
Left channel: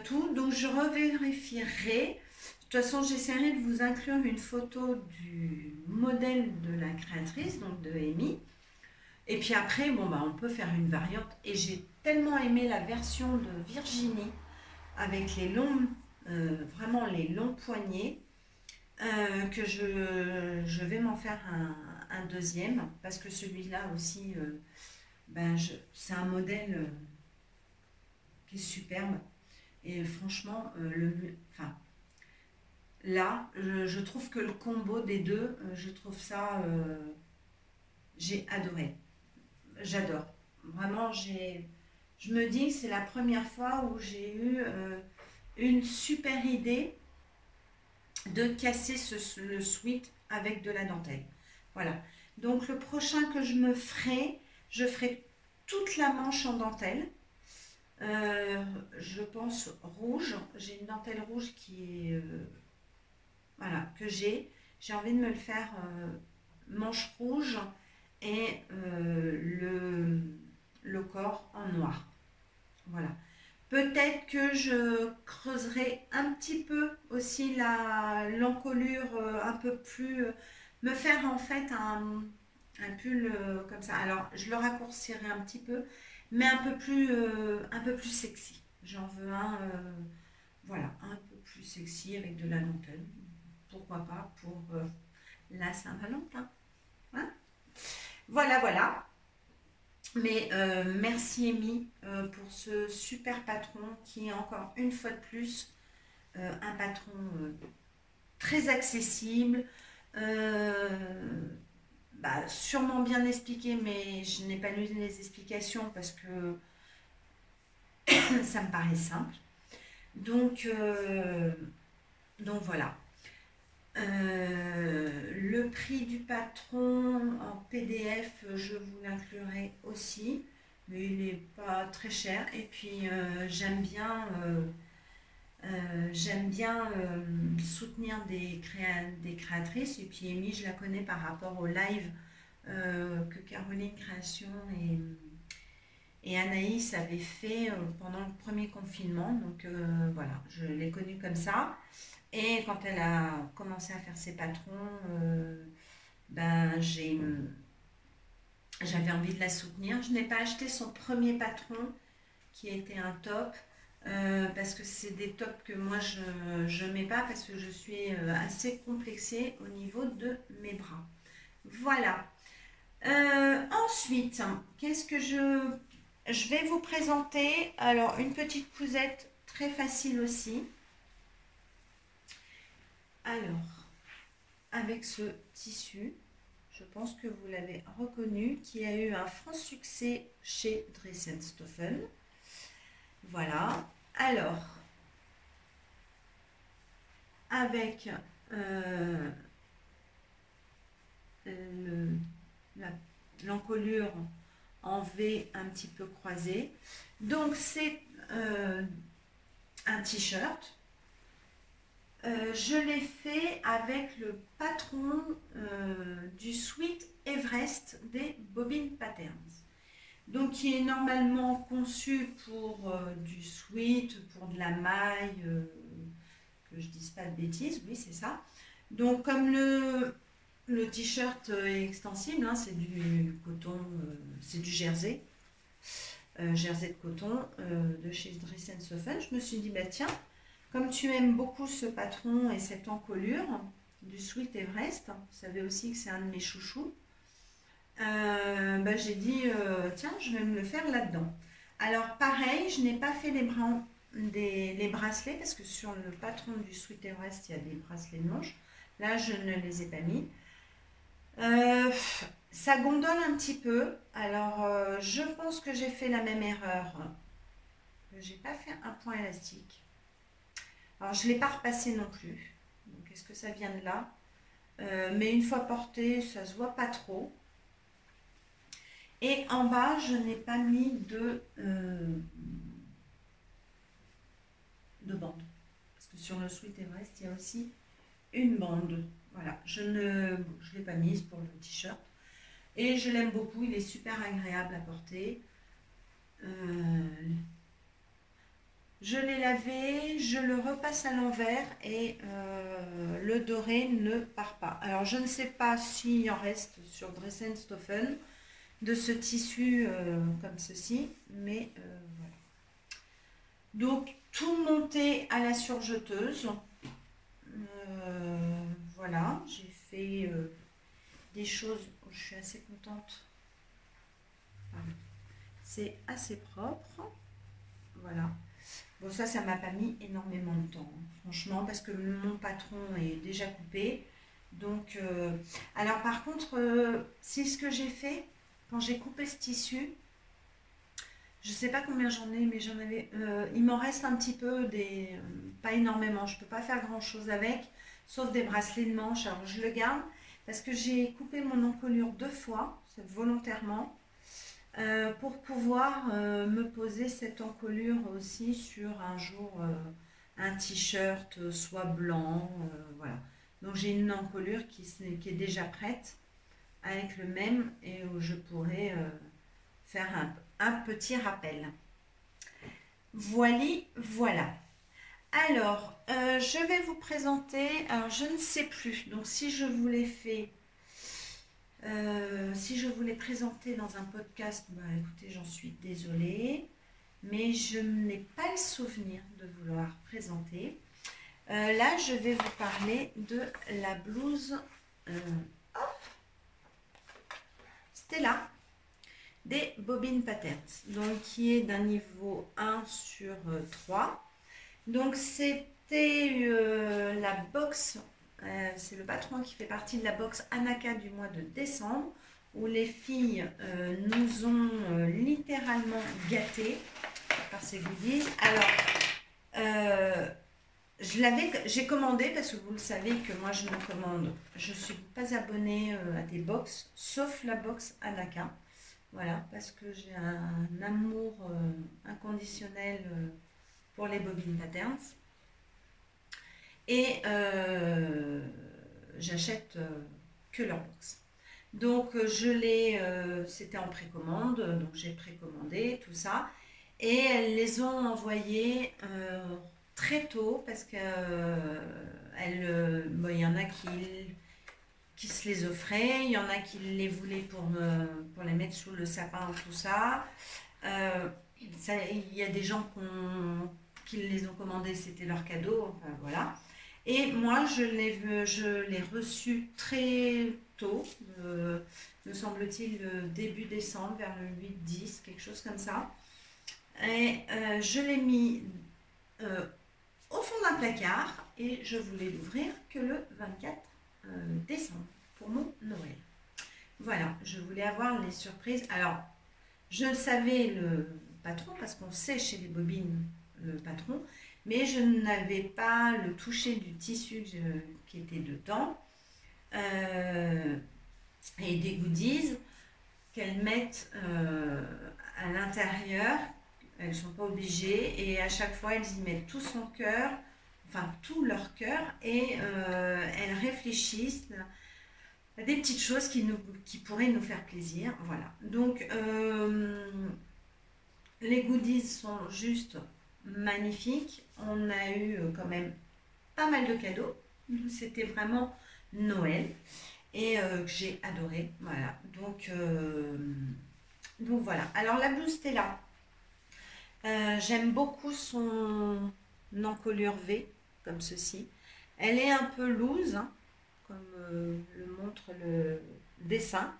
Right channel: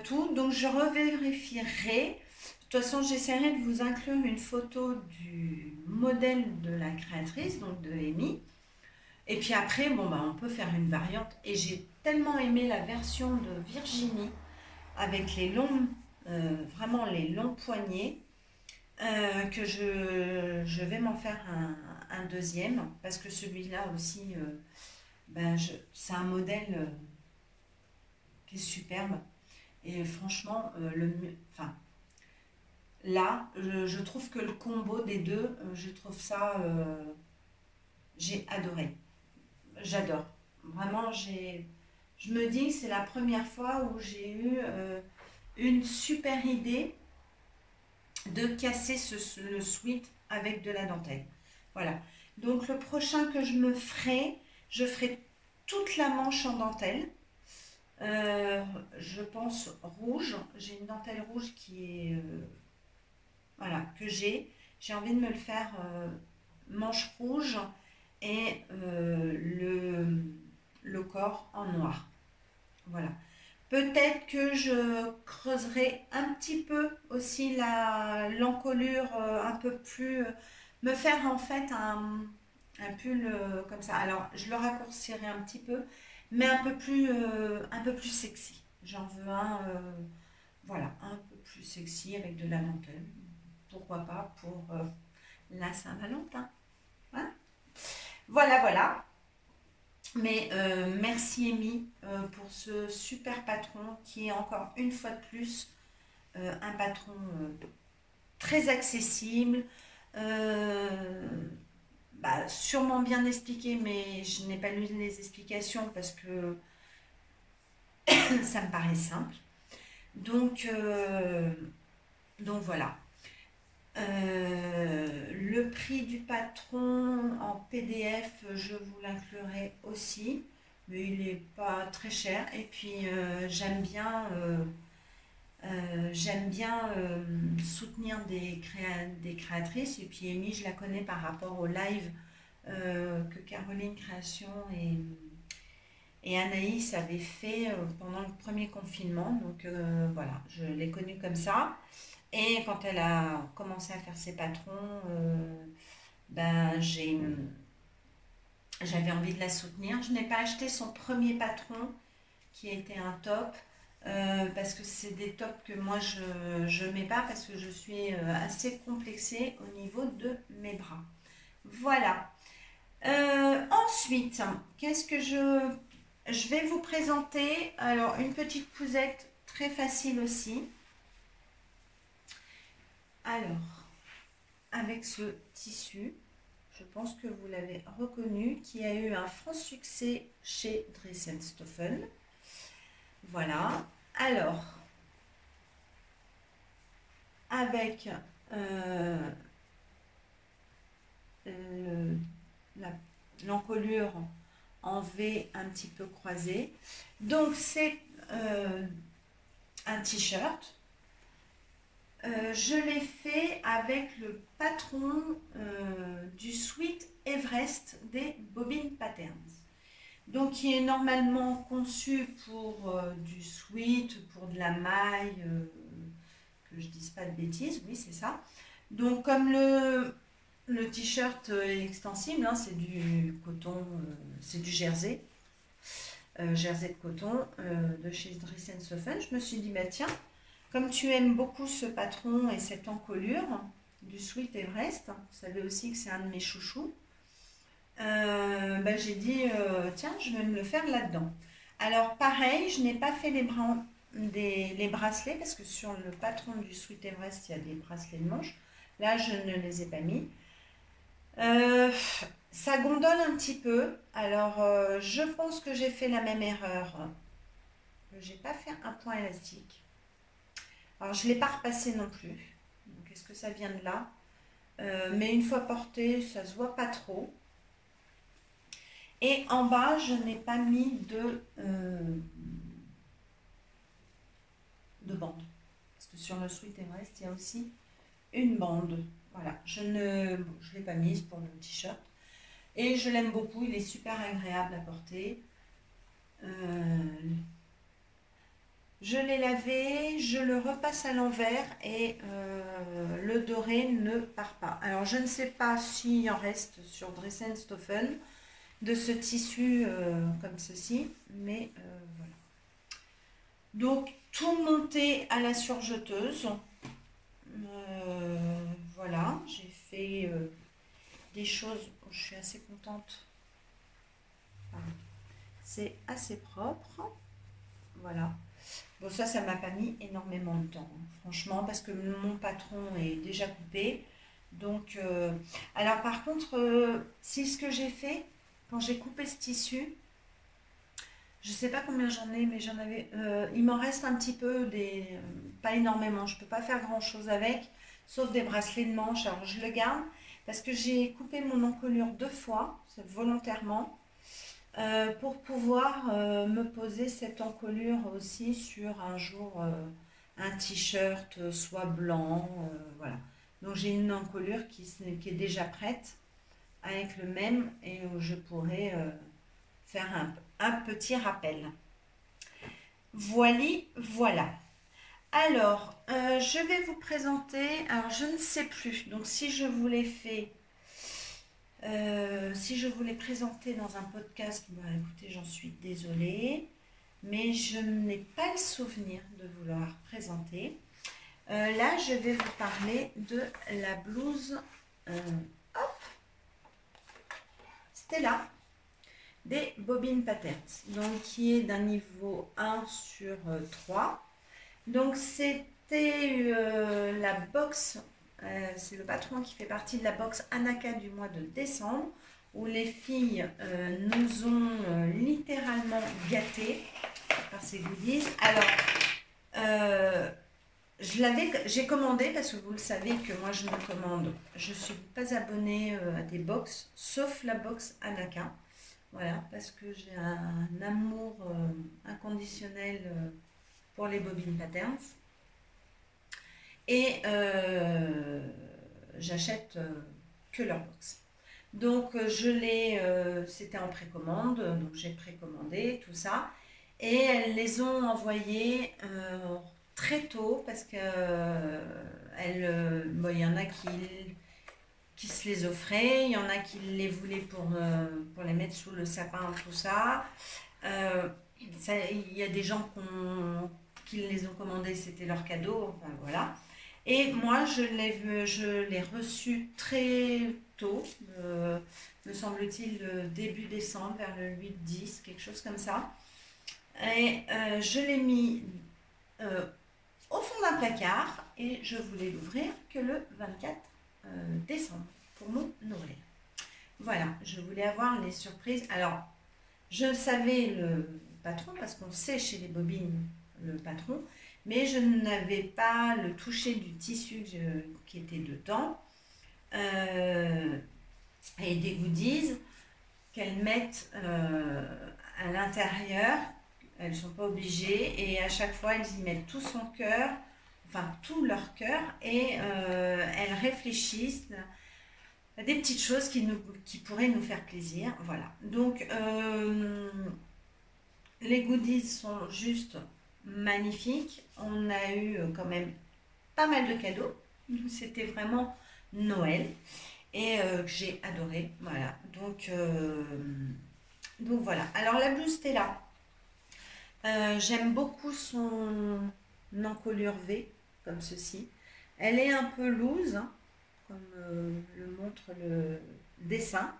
tout, donc je revérifierai. De toute façon, j'essaierai de vous inclure une photo du modèle de la créatrice, donc de Amy. Et puis après, on peut faire une variante. Et j'ai tellement aimé la version de Virginie avec les longs, vraiment les longs poignets, que je vais m'en faire un deuxième, parce que celui-là aussi, c'est un modèle qui est superbe. Et franchement, là, je trouve que le combo des deux, je trouve ça, j'ai adoré. J'adore. Vraiment, je me dis que c'est la première fois où j'ai eu une super idée de casser le sweat avec de la dentelle. Voilà. Donc le prochain que je ferai toute la manche en dentelle. Je pense rouge. J'ai une dentelle rouge qui est voilà, que j'ai envie de me le faire manche rouge et le corps en noir. Voilà. Peut-être que je creuserai un petit peu aussi l'encolure un peu plus, me faire en fait un pull comme ça. Alors je le raccourcirai un petit peu, mais un peu plus sexy. J'en veux voilà, un peu plus sexy avec de la dentelle. Pourquoi pas pour la Saint-Valentin. Hein, voilà, voilà. Mais merci Amy pour ce super patron qui est encore une fois de plus un patron très accessible, sûrement bien expliqué, mais je n'ai pas lu les explications parce que ça me paraît simple. Donc voilà. Le prix du patron en PDF, je vous l'inclurai aussi, mais il n'est pas très cher. Et puis j'aime bien soutenir des créatrices. Et puis Amy, je la connais par rapport au live que Caroline Création et Anaïs avaient fait pendant le premier confinement. Donc voilà, je l'ai connue comme ça. Et quand elle a commencé à faire ses patrons, j'avais envie de la soutenir. Je n'ai pas acheté son premier patron, qui était un top, parce que c'est des tops que moi je mets pas, parce que je suis assez complexée au niveau de mes bras. Voilà. Ensuite, qu'est-ce que je vais vous présenter? Alors, une petite cousette très facile aussi. Alors, avec ce tissu, je pense que vous l'avez reconnu, qui a eu un franc succès chez Dressenstoffen. Voilà. Alors, avec l'encolure en V un petit peu croisée. Donc, c'est un t-shirt. Je l'ai fait avec le patron du Sweet Everest des Bobbin Patterns. Donc, qui est normalement conçu pour du sweat, pour de la maille, que je dise pas de bêtises, oui, c'est ça. Donc, comme Le t-shirt est extensible, hein, c'est du coton, c'est du jersey. Jersey de coton de chez Dress & Soffen. Je me suis dit, bah tiens, comme tu aimes beaucoup ce patron et cette encolure du Sweet Everest, vous savez aussi que c'est un de mes chouchous, bah, j'ai dit, tiens, je vais me le faire là-dedans. Alors pareil, je n'ai pas fait les bracelets parce que sur le patron du Sweet Everest, il y a des bracelets de manche. Là, je ne les ai pas mis. Ça gondole un petit peu. Alors, je pense que j'ai fait la même erreur. Que j'ai pas fait un point élastique. Alors, je ne l'ai pas repassé non plus. Donc, est-ce que ça vient de là? Mais une fois porté, ça se voit pas trop. Et en bas, je n'ai pas mis de bande. Parce que sur le Sweet Everest, il y a aussi une bande. Voilà, je ne l'ai pas mise pour le t-shirt. Et je l'aime beaucoup, il est super agréable à porter. Je l'ai lavé, je le repasse à l'envers et le doré ne part pas. Alors je ne sais pas s'il en reste sur Dress & Soffen de ce tissu comme ceci, mais voilà. Donc tout monté à la surjeteuse. Voilà, j'ai fait des choses où je suis assez contente. C'est assez propre. Voilà. Bon, ça m'a pas mis énormément de temps, franchement, parce que mon patron est déjà coupé. Donc, alors par contre, si ce que j'ai fait, quand j'ai coupé ce tissu, je sais pas combien j'en ai, mais j'en avais, il m'en reste un petit peu, pas énormément. Je peux pas faire grand chose avec, sauf des bracelets de manche. Alors je le garde parce que j'ai coupé mon encolure 2 fois, volontairement. Pour pouvoir me poser cette encolure aussi sur un jour un t-shirt soit blanc, voilà. Donc j'ai une encolure qui est déjà prête avec le même et où je pourrais faire un petit rappel. Voilà. Alors, je vais vous présenter, alors je ne sais plus, donc si je vous l'ai fait si je vous l'ai présenté dans un podcast, bah, écoutez, j'en suis désolée, mais je n'ai pas le souvenir de vous l'avoir présenté. Là, je vais vous parler de la blouse Stella des Bobbin Patterns, donc qui est d'un niveau 1 sur 3. Donc, c'était la box. C'est le patron qui fait partie de la box Anaka du mois de décembre où les filles nous ont littéralement gâtés par ces goodies. Alors, j'ai commandé parce que vous le savez que moi je me commande. Je ne suis pas abonnée à des box, sauf la box Anaka. Voilà, parce que j'ai un amour inconditionnel pour les Bobbin Patterns. Et j'achète que leur box. Donc c'était en précommande, donc j'ai précommandé tout ça. Et elles les ont envoyées très tôt parce que il y en a qui se les offraient, il y en a qui les voulaient pour les mettre sous le sapin, tout ça. Il y a des gens qui les ont commandés, c'était leur cadeau, enfin voilà. Et moi, je l'ai reçu très tôt, me semble-t-il, début décembre, vers le 8-10, quelque chose comme ça. Et je l'ai mis au fond d'un placard et je voulais l'ouvrir que le 24 décembre pour mon Noël. Voilà, je voulais avoir les surprises. Alors, je savais le patron parce qu'on sait chez les Bobbines le patron, mais je n'avais pas le toucher du tissu qui était dedans et des goodies qu'elles mettent à l'intérieur. Elles ne sont pas obligées et à chaque fois elles y mettent tout son cœur, enfin tout leur cœur et elles réfléchissent à des petites choses qui pourraient nous faire plaisir. Voilà, donc les goodies sont juste magnifiques. On a eu quand même pas mal de cadeaux. C'était vraiment Noël. et que j'ai adoré. Voilà, donc voilà. Alors la blouse Stella, j'aime beaucoup son encolure V, comme ceci. Elle est un peu loose, hein, comme le montre le dessin.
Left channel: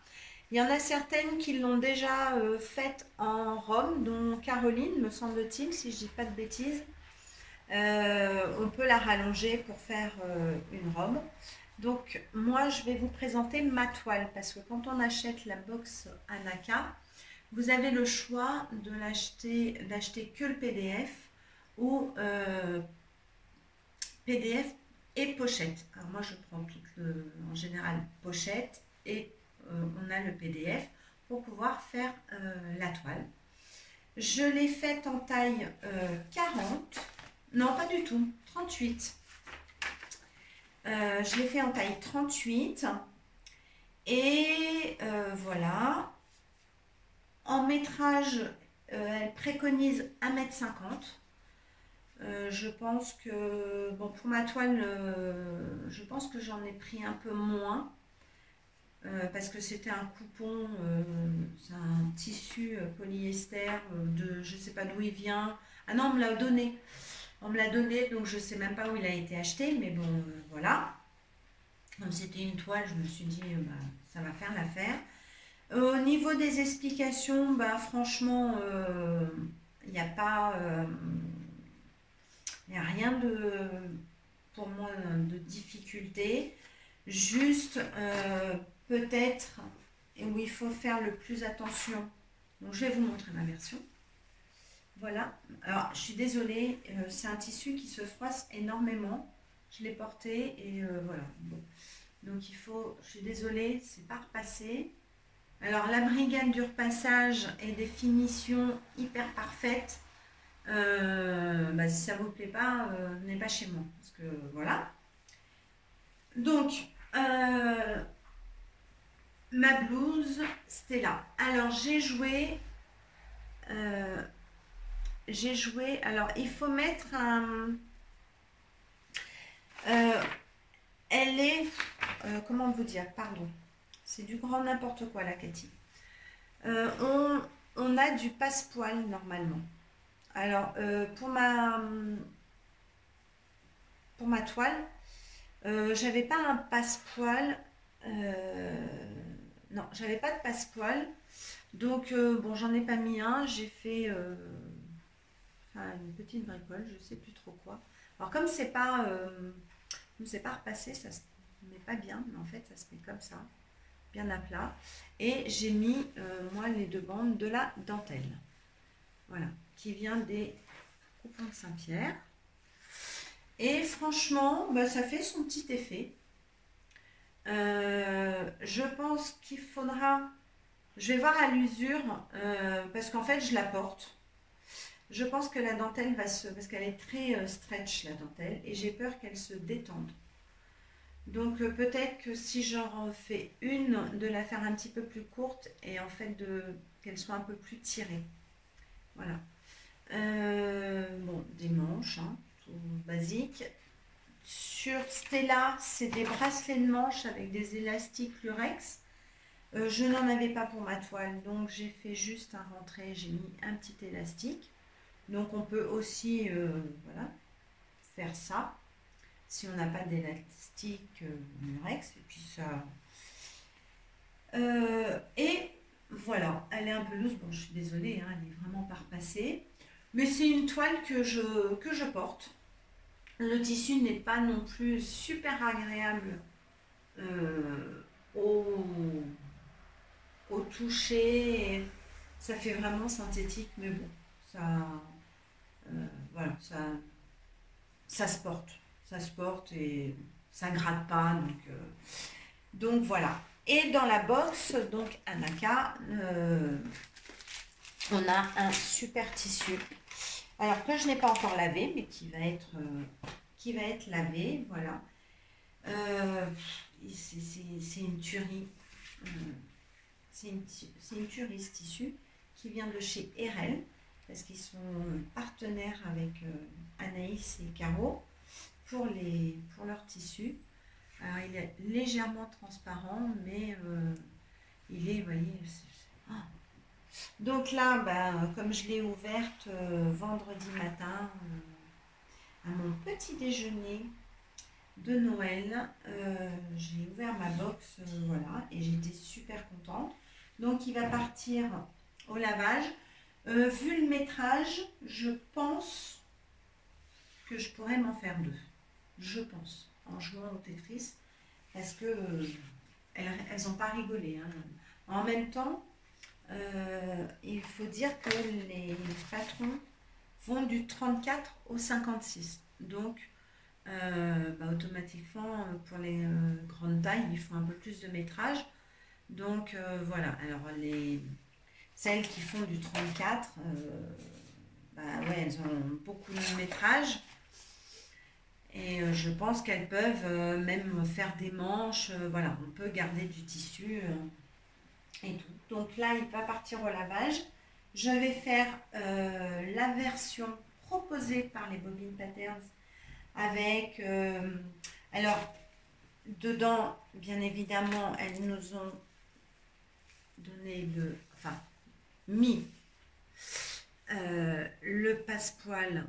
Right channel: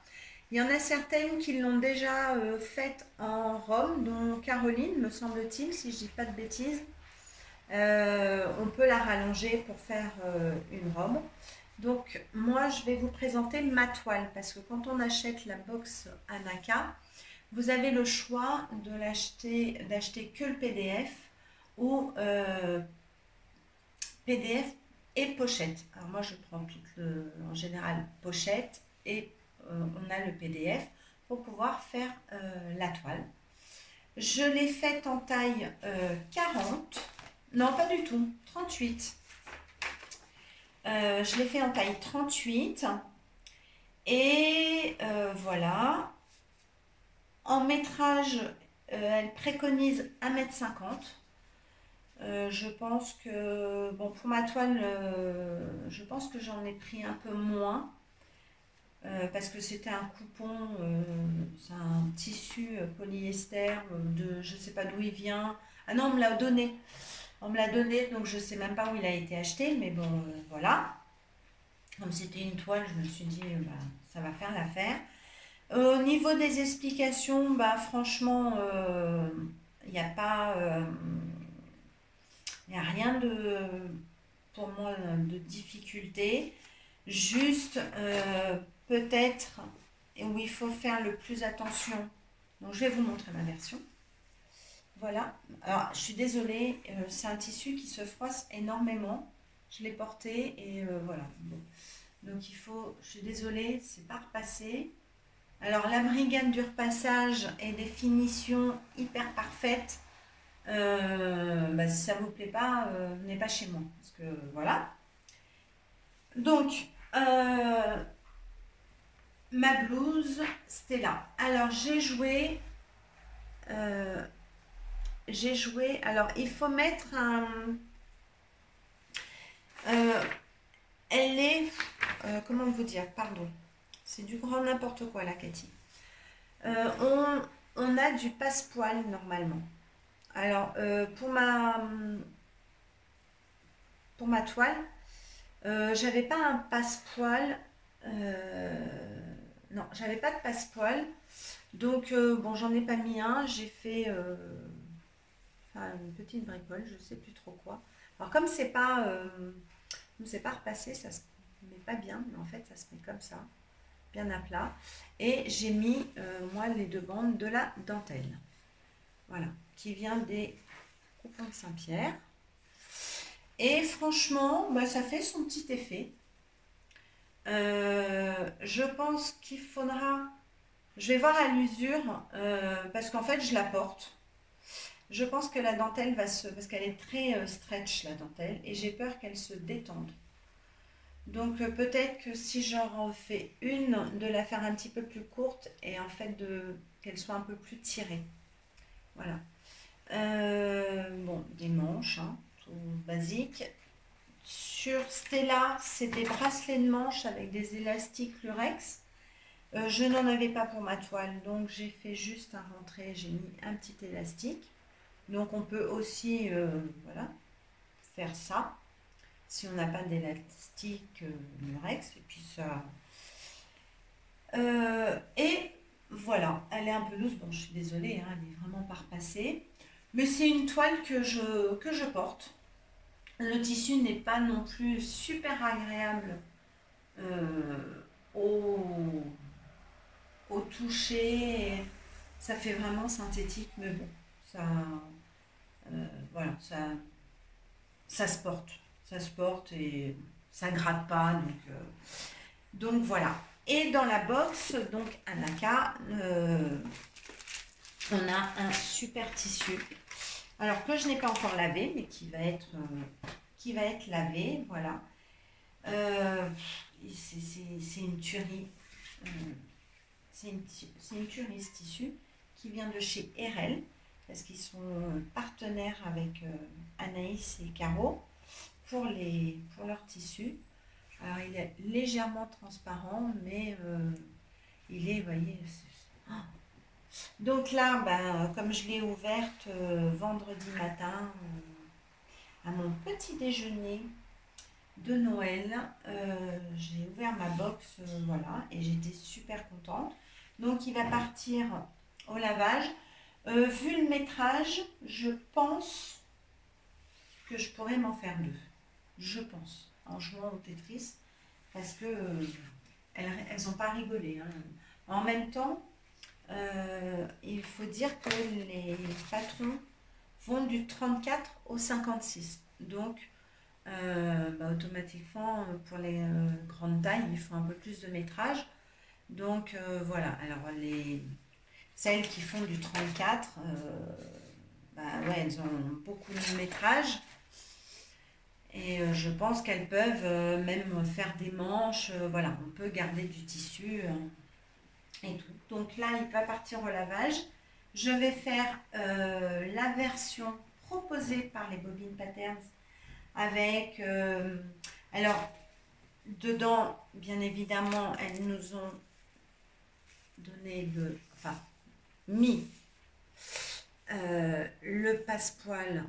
Il y en a certaines qui l'ont déjà faite en Rome, dont Caroline, me semble-t-il, si je ne dis pas de bêtises. On peut la rallonger pour faire une robe. Donc moi je vais vous présenter ma toile, parce que quand on achète la box Anaka, vous avez le choix de d'acheter que le PDF ou PDF et pochette. Alors moi je prends en général pochette et on a le PDF pour pouvoir faire la toile. Je l'ai faite en taille 40, non pas du tout, 38. Je l'ai fait en taille 38 et voilà. En métrage, elle préconise 1,50 m. Je pense que, bon, pour ma toile, je pense que j'en ai pris un peu moins parce que c'était un coupon, c'est un tissu polyester de, je ne sais pas d'où il vient. Ah non, on me l'a donné. On me l'a donné, donc je ne sais même pas où il a été acheté, mais bon, voilà. Comme c'était une toile, je me suis dit, bah, ça va faire l'affaire. Au niveau des explications, bah, franchement, il n'y a pas, il n'y a rien pour moi de difficulté. Juste, peut-être, où il faut faire le plus attention. Donc, je vais vous montrer ma version. Voilà. Alors, je suis désolée, c'est un tissu qui se froisse énormément. Je l'ai porté et voilà. Bon. Donc, il faut, je suis désolée, c'est pas repassé. Alors, la brigade du repassage et des finitions hyper parfaites. Bah, si ça vous plaît pas, venez pas chez moi. Parce que voilà. Donc, ma blouse Stella. Alors, j'ai joué. Alors, il faut mettre un. Elle est. Comment vous dire? Pardon. C'est du grand n'importe quoi, là, Cathy. On a du passepoil normalement. Alors, pour ma toile, j'avais pas un passepoil. Non, j'avais pas de passepoil. Donc, bon, j'en ai pas mis un. J'ai fait une petite bricole, je sais plus trop quoi. Alors, comme c'est pas repassé, ça se met pas bien, mais en fait, ça se met comme ça, bien à plat. Et j'ai mis, moi, les deux bandes de la dentelle. Voilà, qui vient des coupons de Saint-Pierre. Et franchement, bah, ça fait son petit effet. Je pense qu'il faudra... Je vais voir à l'usure, parce qu'en fait, je la porte. Je pense que la dentelle va se... Parce qu'elle est très stretch, la dentelle, et j'ai peur qu'elle se détende. Donc, peut-être que si j'en refais une, de la faire un petit peu plus courte, et en fait, qu'elle soit un peu plus tirée. Voilà. Bon, des manches, hein, tout basique. Sur Stella, c'est des bracelets de manches avec des élastiques lurex. Je n'en avais pas pour ma toile, donc j'ai fait juste un rentré, j'ai mis un petit élastique. Donc on peut aussi voilà, faire ça, si on n'a pas d'élastique lurex. Et puis ça... et voilà, elle est un peu loose, bon je suis désolée, hein, elle est vraiment pas repassée. Mais c'est une toile que je porte. Le tissu n'est pas non plus super agréable au toucher. Ça fait vraiment synthétique, mais bon, voilà, ça se porte. Ça se porte et ça gratte pas. Donc voilà. Et dans la box, donc Anaka, on a un super tissu. Alors que je n'ai pas encore lavé, mais qui va être lavé, voilà. C'est une tuerie. C'est une tuerie ce tissu qui vient de chez RL, parce qu'ils sont partenaires avec Anaïs et Caro pour leur tissu. Alors il est légèrement transparent, mais il est, vous voyez, donc là, ben, comme je l'ai ouverte vendredi matin à mon petit déjeuner de Noël, j'ai ouvert ma box, voilà, et j'étais super contente. Donc il va partir au lavage. Vu le métrage, je pense que je pourrais m'en faire deux. Je pense, en jouant au Tetris, parce que elles n'ont pas rigolé. Hein. En même temps, il faut dire que les patrons vont du 34 au 56. Donc, automatiquement, pour les grandes tailles, il faut un peu plus de métrage. Donc, voilà. Alors, celles qui font du 34, ouais, elles ont beaucoup de métrage. Et je pense qu'elles peuvent même faire des manches. Voilà, on peut garder du tissu et tout. Donc là, il va partir au lavage. Je vais faire la version proposée par les Bobine Patterns avec... alors, dedans, bien évidemment, elles nous ont donné mis le passepoil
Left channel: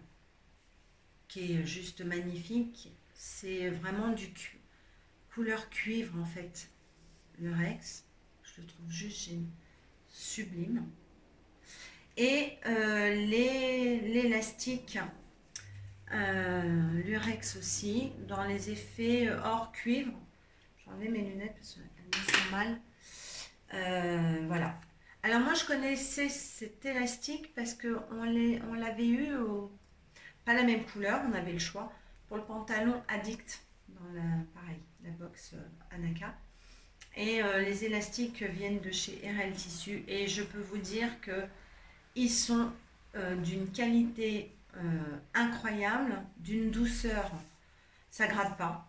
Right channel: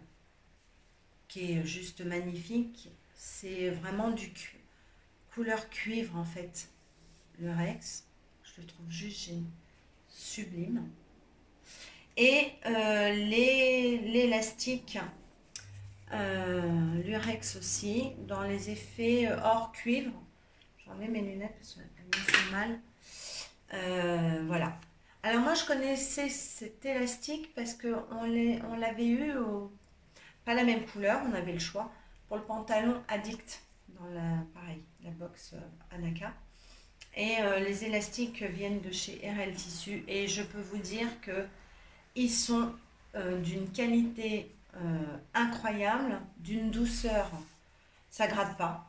qui est juste magnifique. C'est vraiment du couleur cuivre en fait, le Rex. Je le trouve juste sublime. Et l'élastique Lurex aussi, dans les effets hors cuivre. J'enlève mes lunettes parce qu'elles me font mal. Voilà. Alors moi je connaissais cet élastique parce qu'on l'avait eu pas la même couleur, on avait le choix pour le pantalon Addict dans la box Anaka. Et les élastiques viennent de chez RL Tissu et je peux vous dire que ils sont d'une qualité incroyable, d'une douceur, ça gratte pas,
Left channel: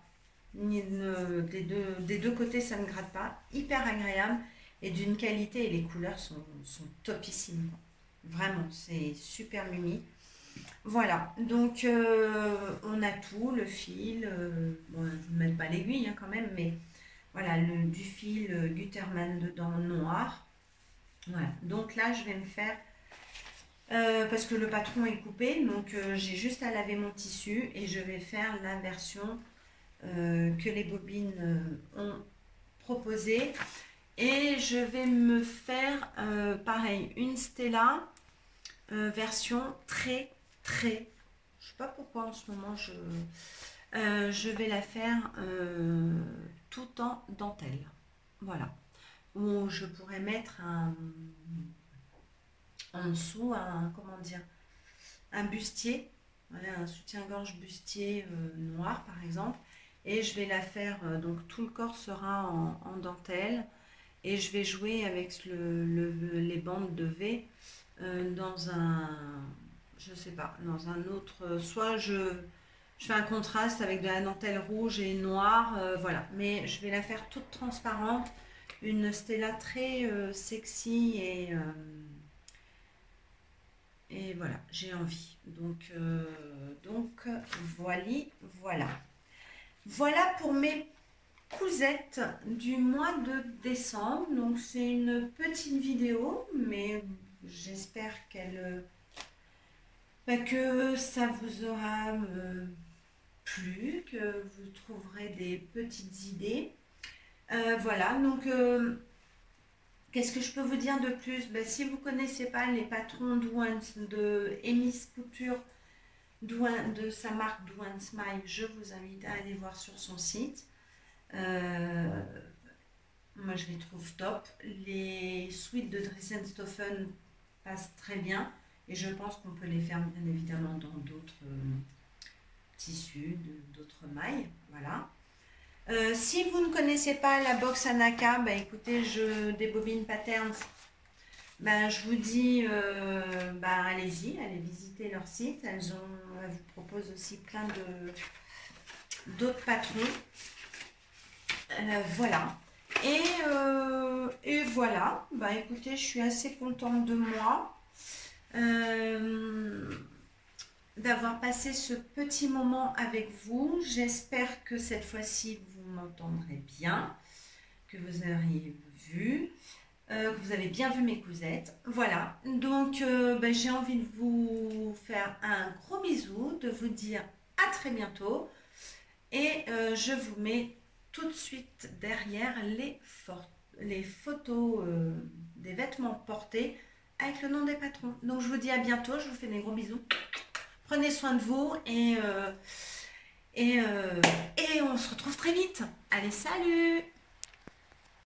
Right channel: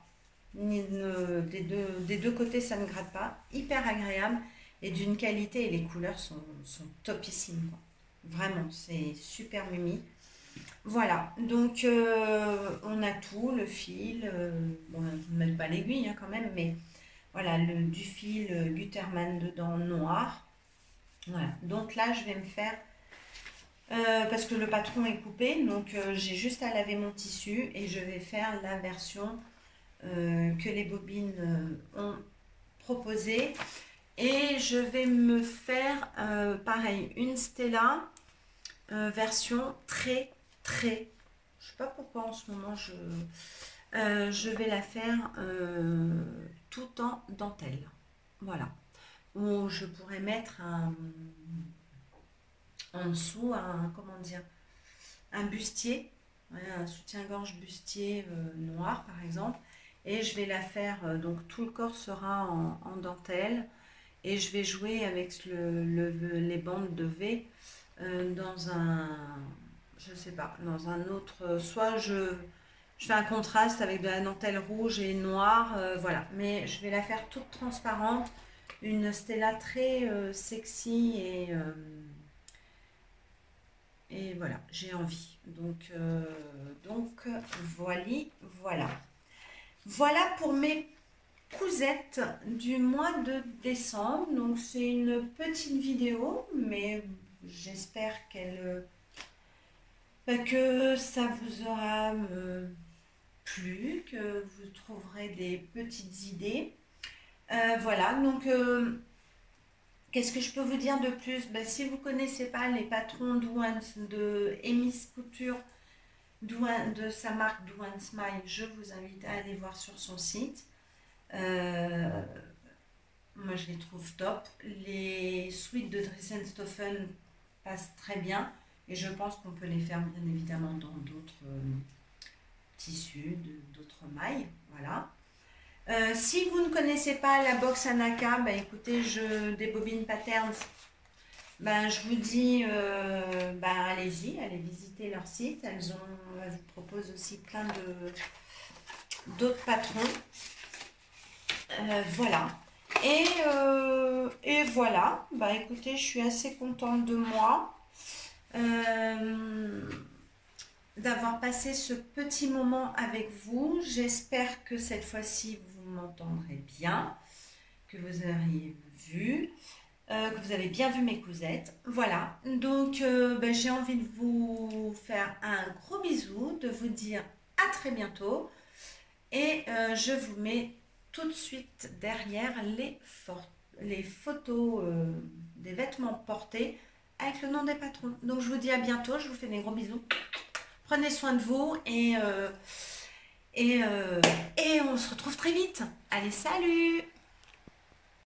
des deux côtés ça ne gratte pas, hyper agréable et d'une qualité, et les couleurs sont topissimes, quoi. Vraiment, c'est super mimi. Voilà, donc on a tout, le fil, bon, je ne mets pas l'aiguille hein, quand même, mais voilà, du fil Gutermann dedans noir. Voilà, donc là je vais me faire, parce que le patron est coupé, donc j'ai juste à laver mon tissu et je vais faire la version que les bobines ont proposée. Et je vais me faire, pareil, une Stella version très, je sais pas pourquoi en ce moment, je vais la faire tout en dentelle. Voilà. Où je pourrais mettre en dessous comment dire, un bustier, ouais, un soutien-gorge bustier noir par exemple. Et je vais la faire, donc tout le corps sera en dentelle. Et je vais jouer avec les bandes de V dans je sais pas, dans un autre, soit je fais un contraste avec de la dentelle rouge et noire, voilà. Mais je vais la faire toute transparente, une Stella très sexy et voilà, j'ai envie. Donc voilà. Voilà pour mes cousettes du mois de décembre. Donc c'est une petite vidéo, mais j'espère que ça vous aura plu, que vous trouverez des petites idées. Voilà, donc qu'est-ce que je peux vous dire de plus? Si vous ne connaissez pas les patrons Douane de Emis Couture, de sa marque Douane Smile, je vous invite à aller voir sur son site. Moi je les trouve top. Les suites de Dressenstoffen passent très bien et je pense qu'on peut les faire bien évidemment dans d'autres tissus, d'autres mailles. Voilà. Si vous ne connaissez pas la box Anaka, écoutez, des Bobine Patterns, je vous dis, allez-y, allez visiter leur site. Elles vous proposent aussi plein d'autres patrons. Voilà. Et voilà. Écoutez, je suis assez contente de moi d'avoir passé ce petit moment avec vous. J'espère que cette fois-ci, vous vous m'entendrez bien, que vous auriez vu, que vous avez bien vu mes cousettes. Voilà, donc j'ai envie de vous faire un gros bisou, de vous dire à très bientôt. Et je vous mets tout de suite derrière les photos des vêtements portés avec le nom des patrons. Donc je vous dis à bientôt, je vous fais des gros bisous. Prenez soin de vous et on se retrouve très vite. Allez, salut!